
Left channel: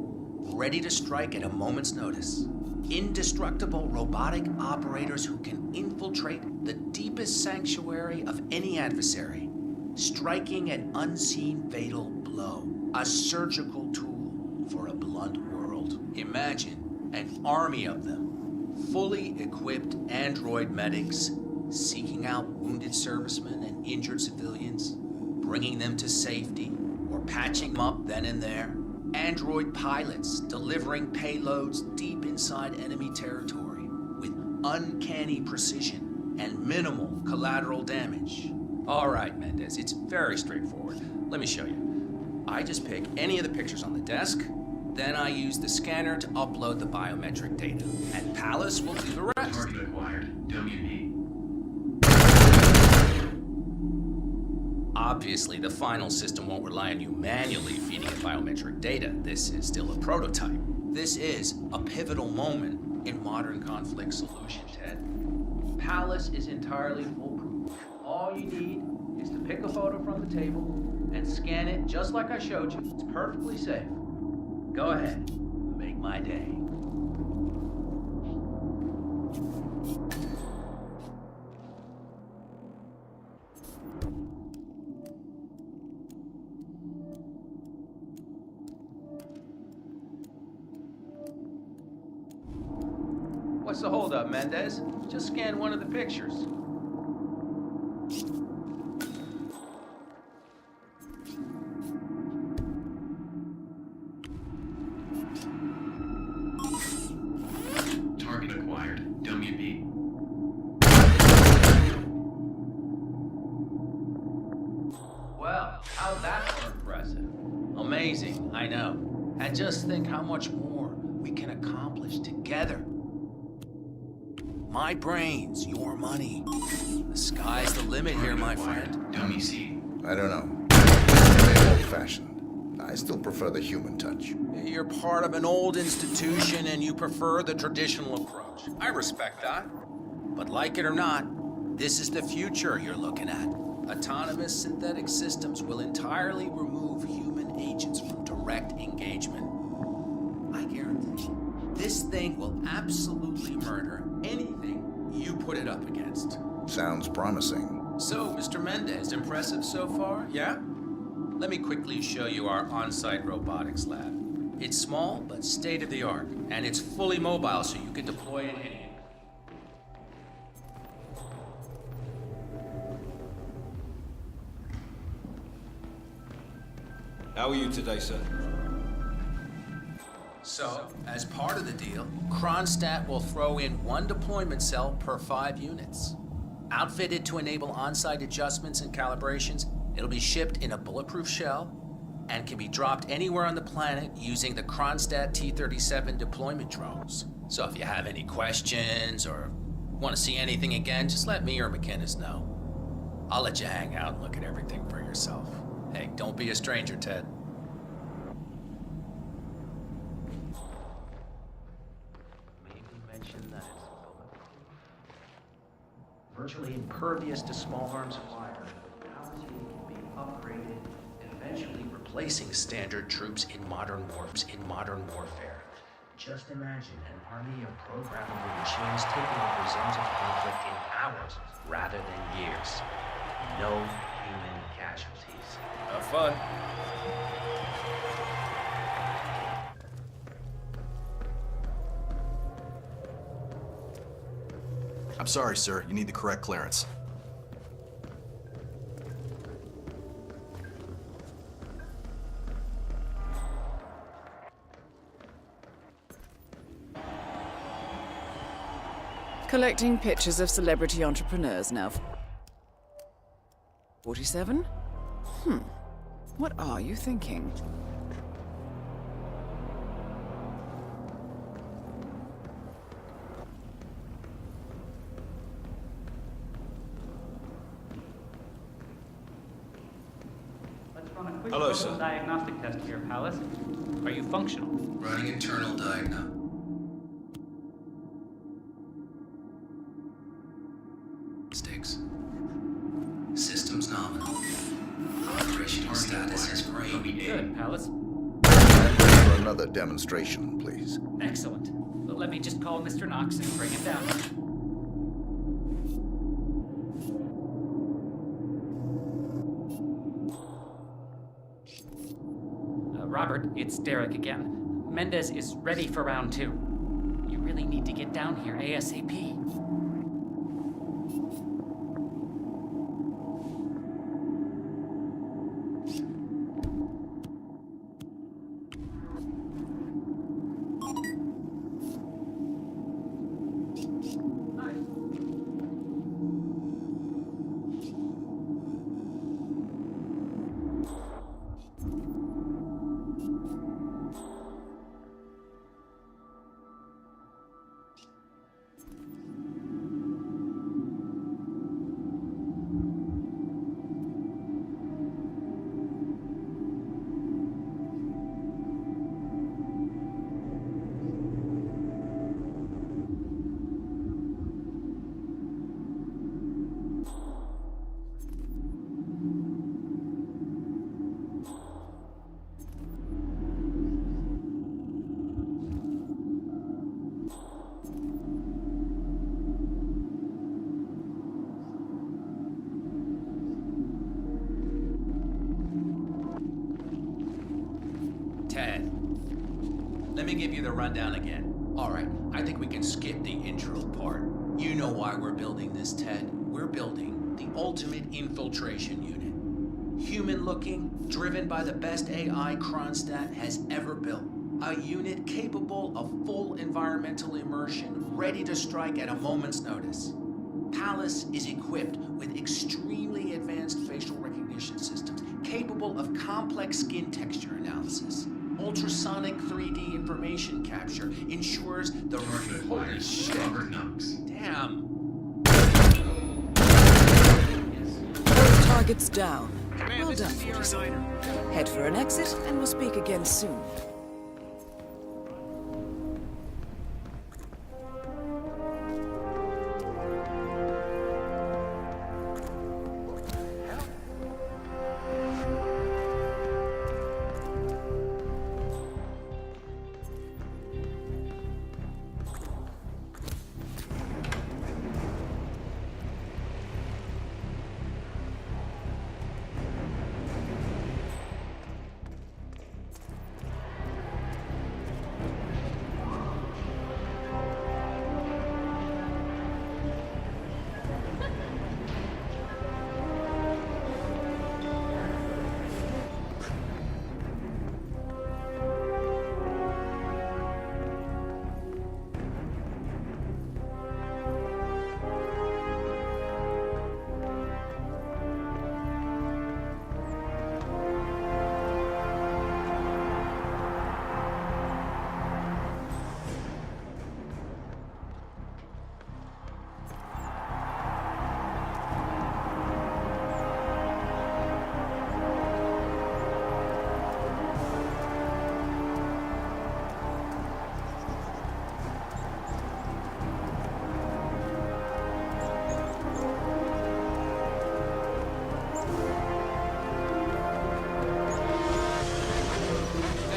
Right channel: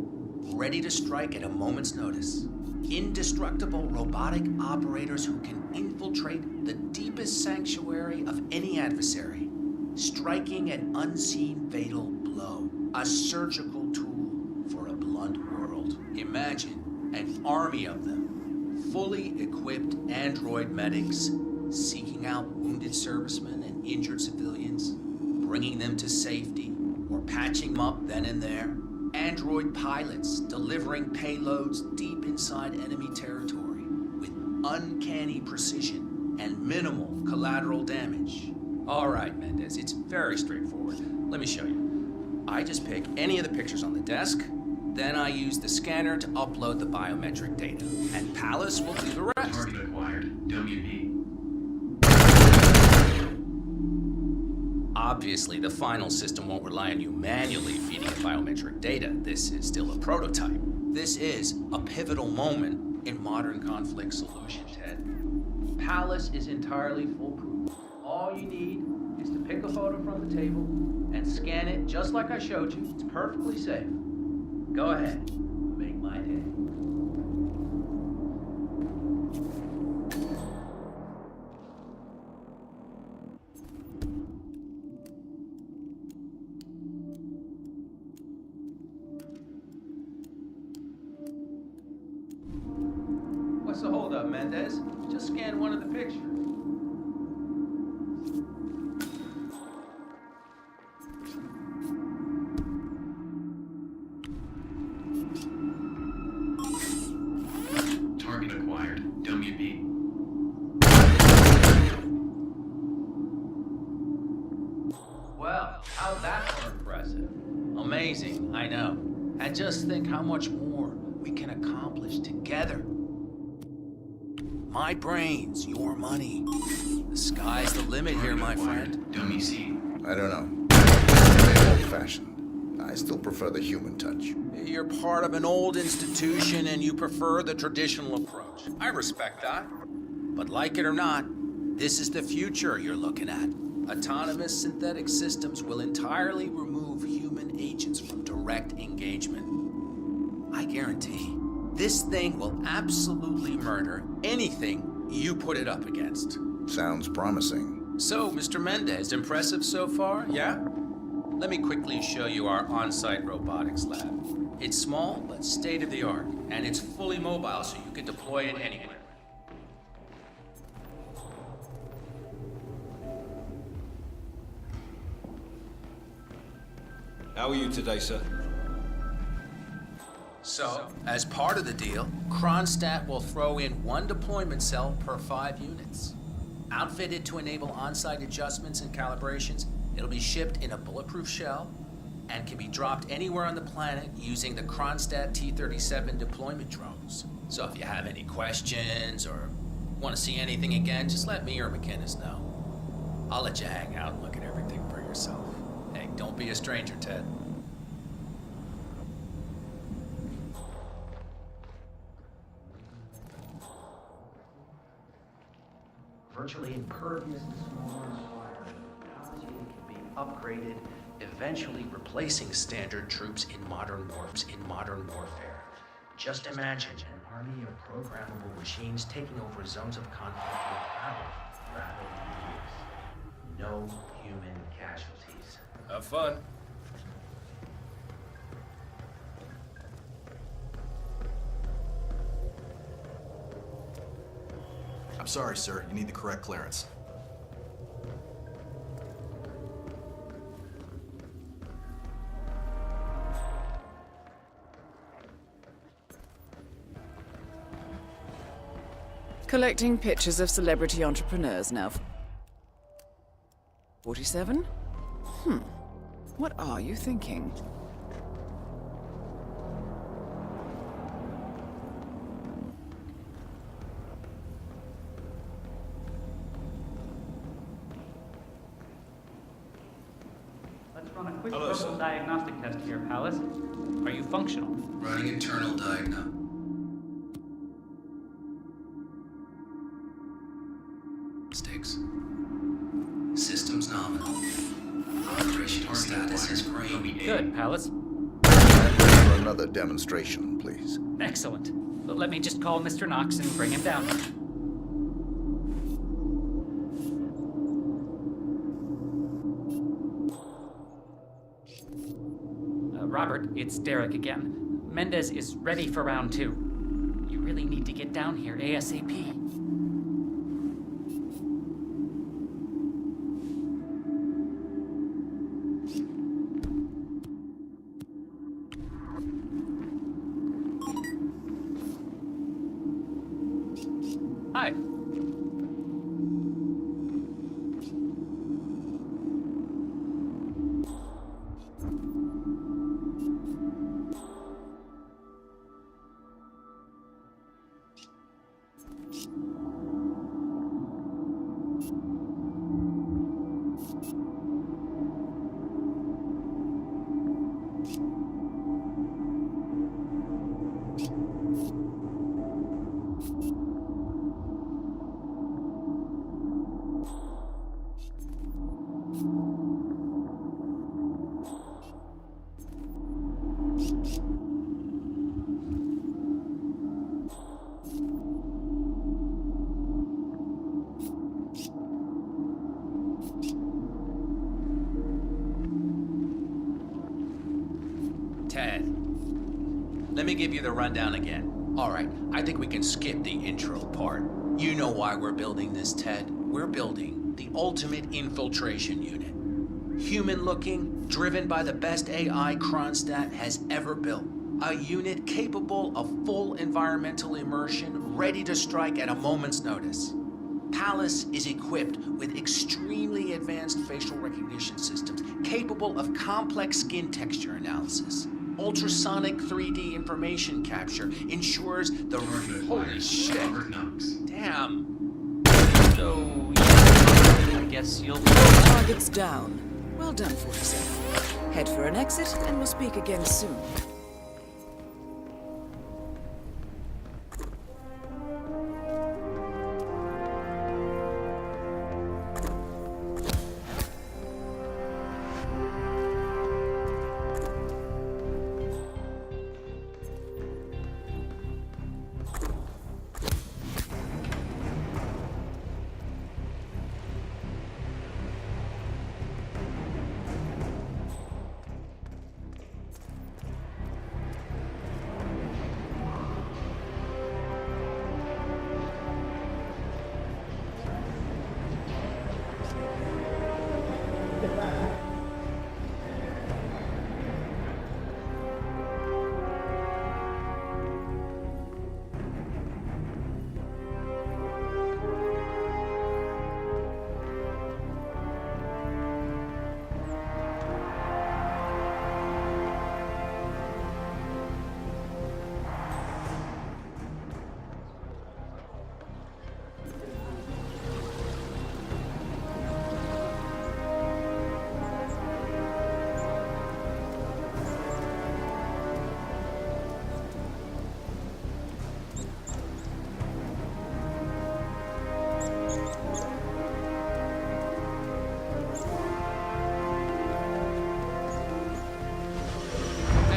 ready to strike at a moment's notice. Indestructible robotic operators who can infiltrate the deepest sanctuary of any adversary, striking an unseen fatal blow, a surgical tool for a blunt world. Imagine an army of them, fully equipped android medics, seeking out wounded servicemen and injured civilians, bringing them to safety, or patching them up then and there. Android pilots delivering payloads deep inside enemy territory with uncanny precision and minimal collateral damage. All right, Mendez, it's very straightforward. Let me show you. I just pick any of the pictures on the desk, then I use the scanner to upload the biometric data, and Palace will do the rest. Target acquired. WB. Obviously, the final system won't rely on you manually feeding it biometric data. This is still a prototype. This is a pivotal moment in modern conflict solution, Ted. Palace is entirely foolproof. All you need is to pick a photo from the table and scan it just like I showed you. It's perfectly safe. Go ahead. Make my day. What's the holdup, Mendez? Just scan one of the pictures. Target acquired. WB. Well, how'd that for impressive? Amazing, I know. And just think how much more we can accomplish together. My brains, your money. The sky's the limit here, my friend. Dummy C. I don't know. Maybe old-fashioned. I still prefer the human touch. You're part of an old institution and you prefer the traditional approach. I respect that. But like it or not, this is the future you're looking at. Autonomous synthetic systems will entirely remove human agents from direct engagement. I guarantee this thing will absolutely murder anything you put it up against. Sounds promising. So, Mr. Mendez, impressive so far, yeah? Let me quickly show you our on-site robotics lab. It's small, but state-of-the-art, and it's fully mobile, so you can deploy it anywhere. How are you today, sir? So, as part of the deal, Kronstadt will throw in one deployment cell per 5 units. Outfitted to enable on-site adjustments and calibrations, it'll be shipped in a bulletproof shell and can be dropped anywhere on the planet using the Kronstadt T-37 deployment drones. So if you have any questions or want to see anything again, just let me or McInnes know. I'll let you hang out and look at everything for yourself. Hey, don't be a stranger, Ted. Virtually impervious to small arms fire, the technology can be upgraded, Eventually replacing standard troops in modern warfare. Just imagine an army of programmable machines taking over zones of conflict in hours rather than years. No human casualties. Have fun. I'm sorry, sir. You need the correct clearance. Collecting pictures of celebrity entrepreneurs now. 47? What are you thinking? universal diagnostic test here, Palace. Are you functional? Running internal diagnostic. Systems nominal. Operational status is green. Good, Palace. For another demonstration, please. Excellent. Well, let me just call Mr. Knox and bring him down. Robert, it's Derek again. Mendez is ready for round 2. You really need to get down here ASAP. Hi. Ted, let me give you the rundown again. All right, I think we can skip the intro part. You know why we're building this, Ted. We're building the ultimate infiltration unit. Human-looking, driven by the best AI Kronstadt has ever built. A unit capable of full environmental immersion, ready to strike at a moment's notice. Palace is equipped with extremely advanced facial recognition systems, capable of complex skin texture analysis. Ultrasonic 3D information capture ensures the... Holy shit. Damn. So, I guess you'll... Targets down. Well done, 47. Head for an exit, and we'll speak again soon.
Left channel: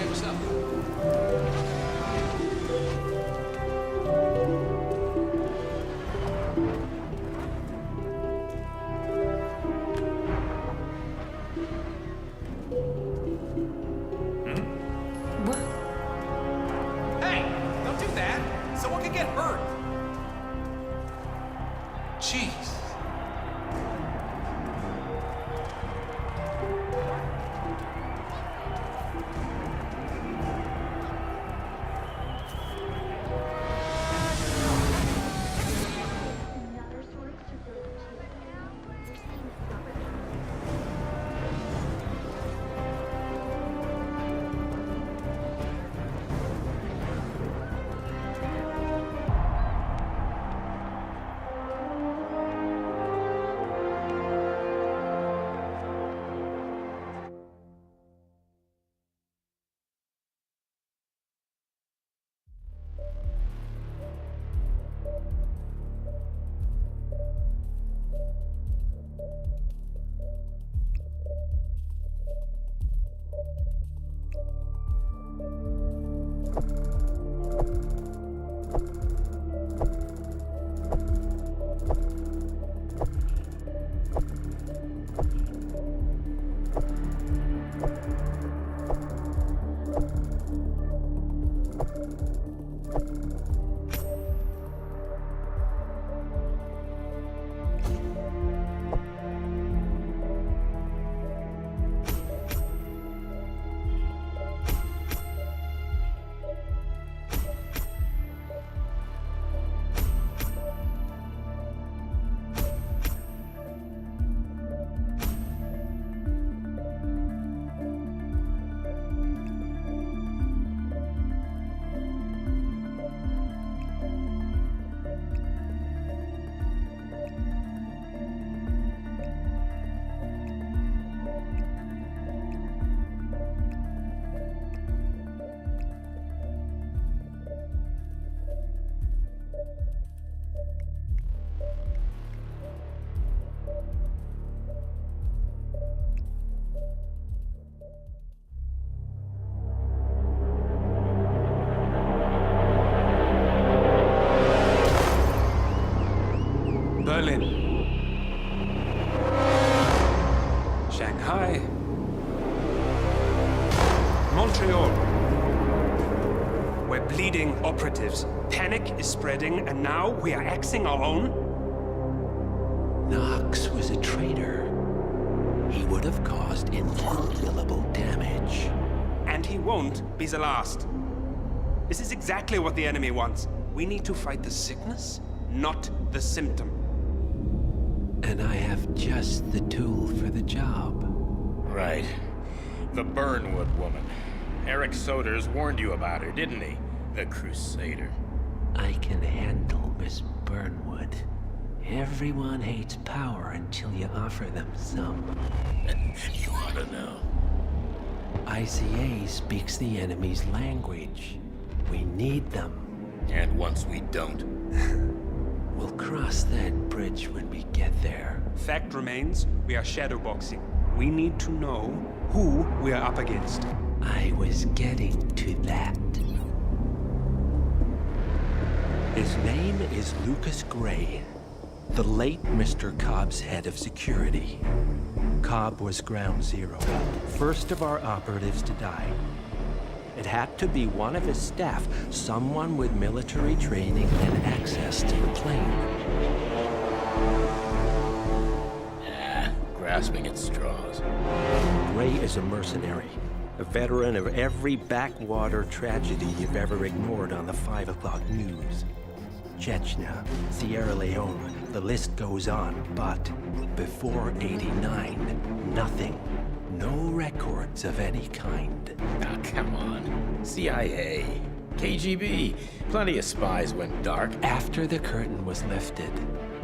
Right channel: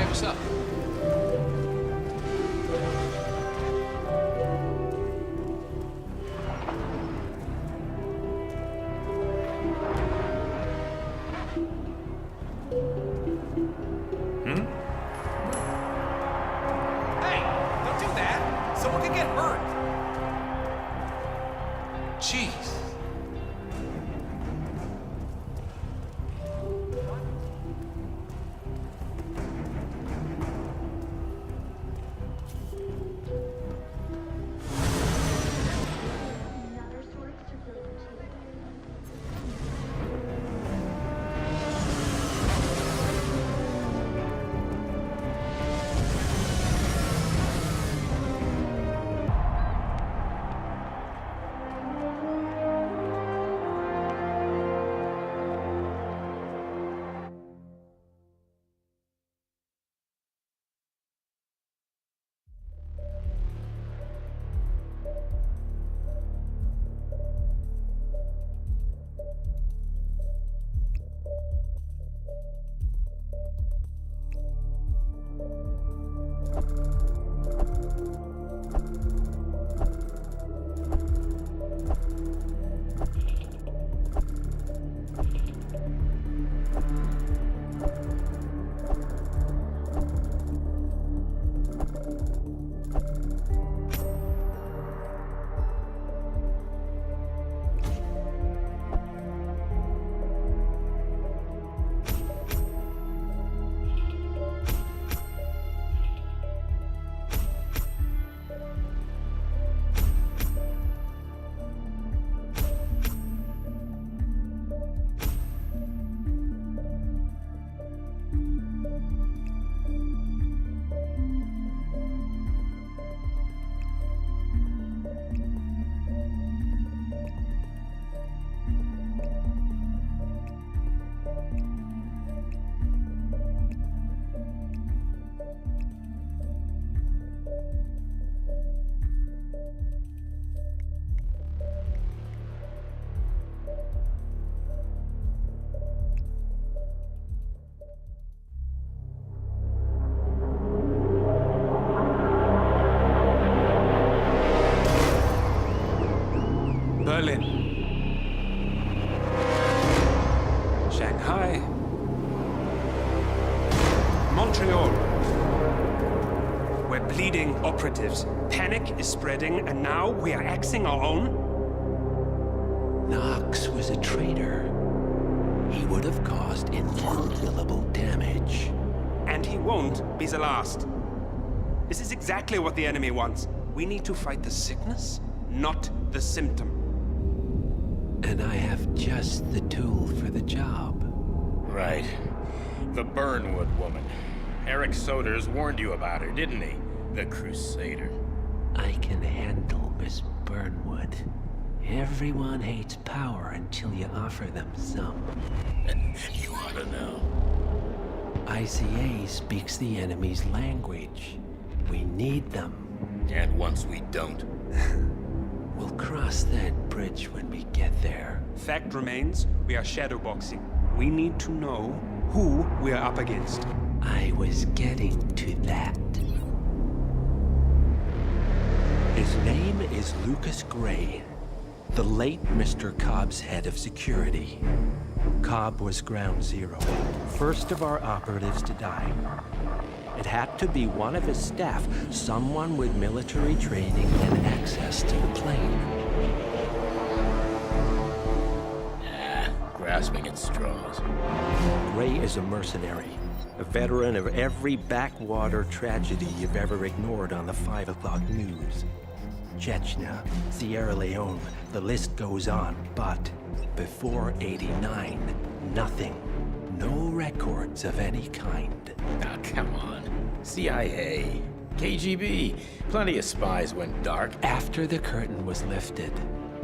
What's up? Hey, don't do that. Someone could get hurt. Jeez. Berlin, Shanghai, Montreal. We're bleeding operatives. Panic is spreading, and now we are axing our own? Knox was a traitor. He would have caused incalculable damage. And he won't be the last. This is exactly what the enemy wants. We need to fight the sickness, not the symptom. And I have just the tool for the job. Right. The Burnwood woman. Eric Soders warned you about her, didn't he? The Crusader. I can handle Miss Burnwood. Everyone hates power until you offer them some. You ought to know. ICA speaks the enemy's language. We need them. And once we don't? We'll cross that bridge when we get there. Fact remains, we are shadowboxing. We need to know who we are up against. I was getting to that. His name is Lucas Gray, the late Mr. Cobb's head of security. Cobb was ground zero, first of our operatives to die. It had to be one of his staff, someone with military training and access to the plane. Grasping at straws. Gray is a mercenary, a veteran of every backwater tragedy you've ever ignored on the 5 o'clock news. Chechnya, Sierra Leone, the list goes on, but before '89, nothing. No records of any kind. Ah, come on. CIA, KGB, plenty of spies went dark. After the curtain was lifted,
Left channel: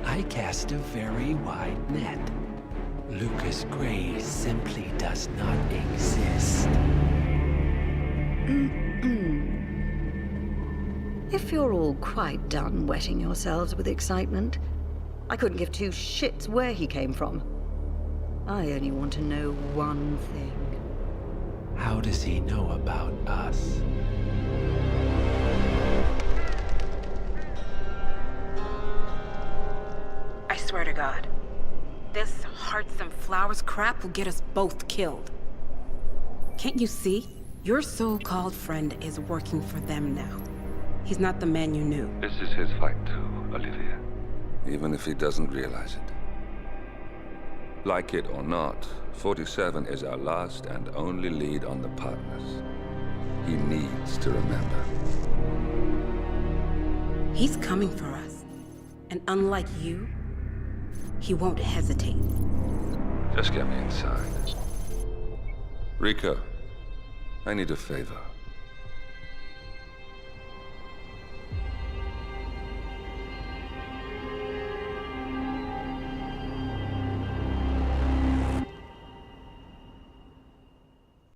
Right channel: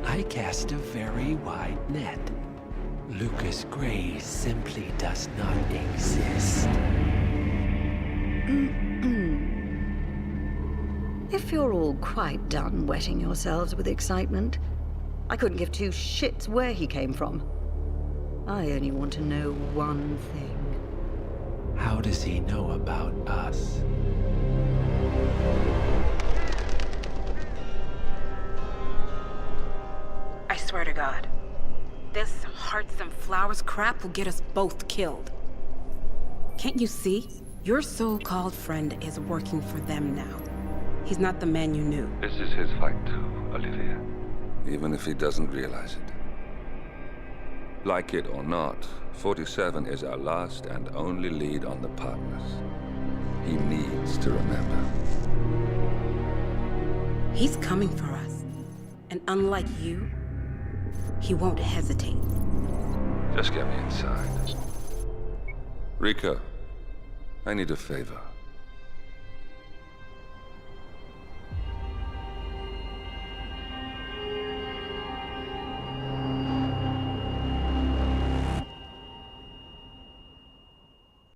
I cast a very wide net. Lucas Gray simply does not exist. If you're all quite done wetting yourselves with excitement, I couldn't give two shits where he came from. I only want to know one thing. How does he know about us? I swear to God, this hearts and flowers crap will get us both killed. Can't you see? Your so-called friend is working for them now. He's not the man you knew. This is his fight too, Olivia. Even if he doesn't realize it. Like it or not, 47 is our last and only lead on the partners. He needs to remember. He's coming for us. And unlike you, he won't hesitate. Just get me inside. Rico, I need a favor.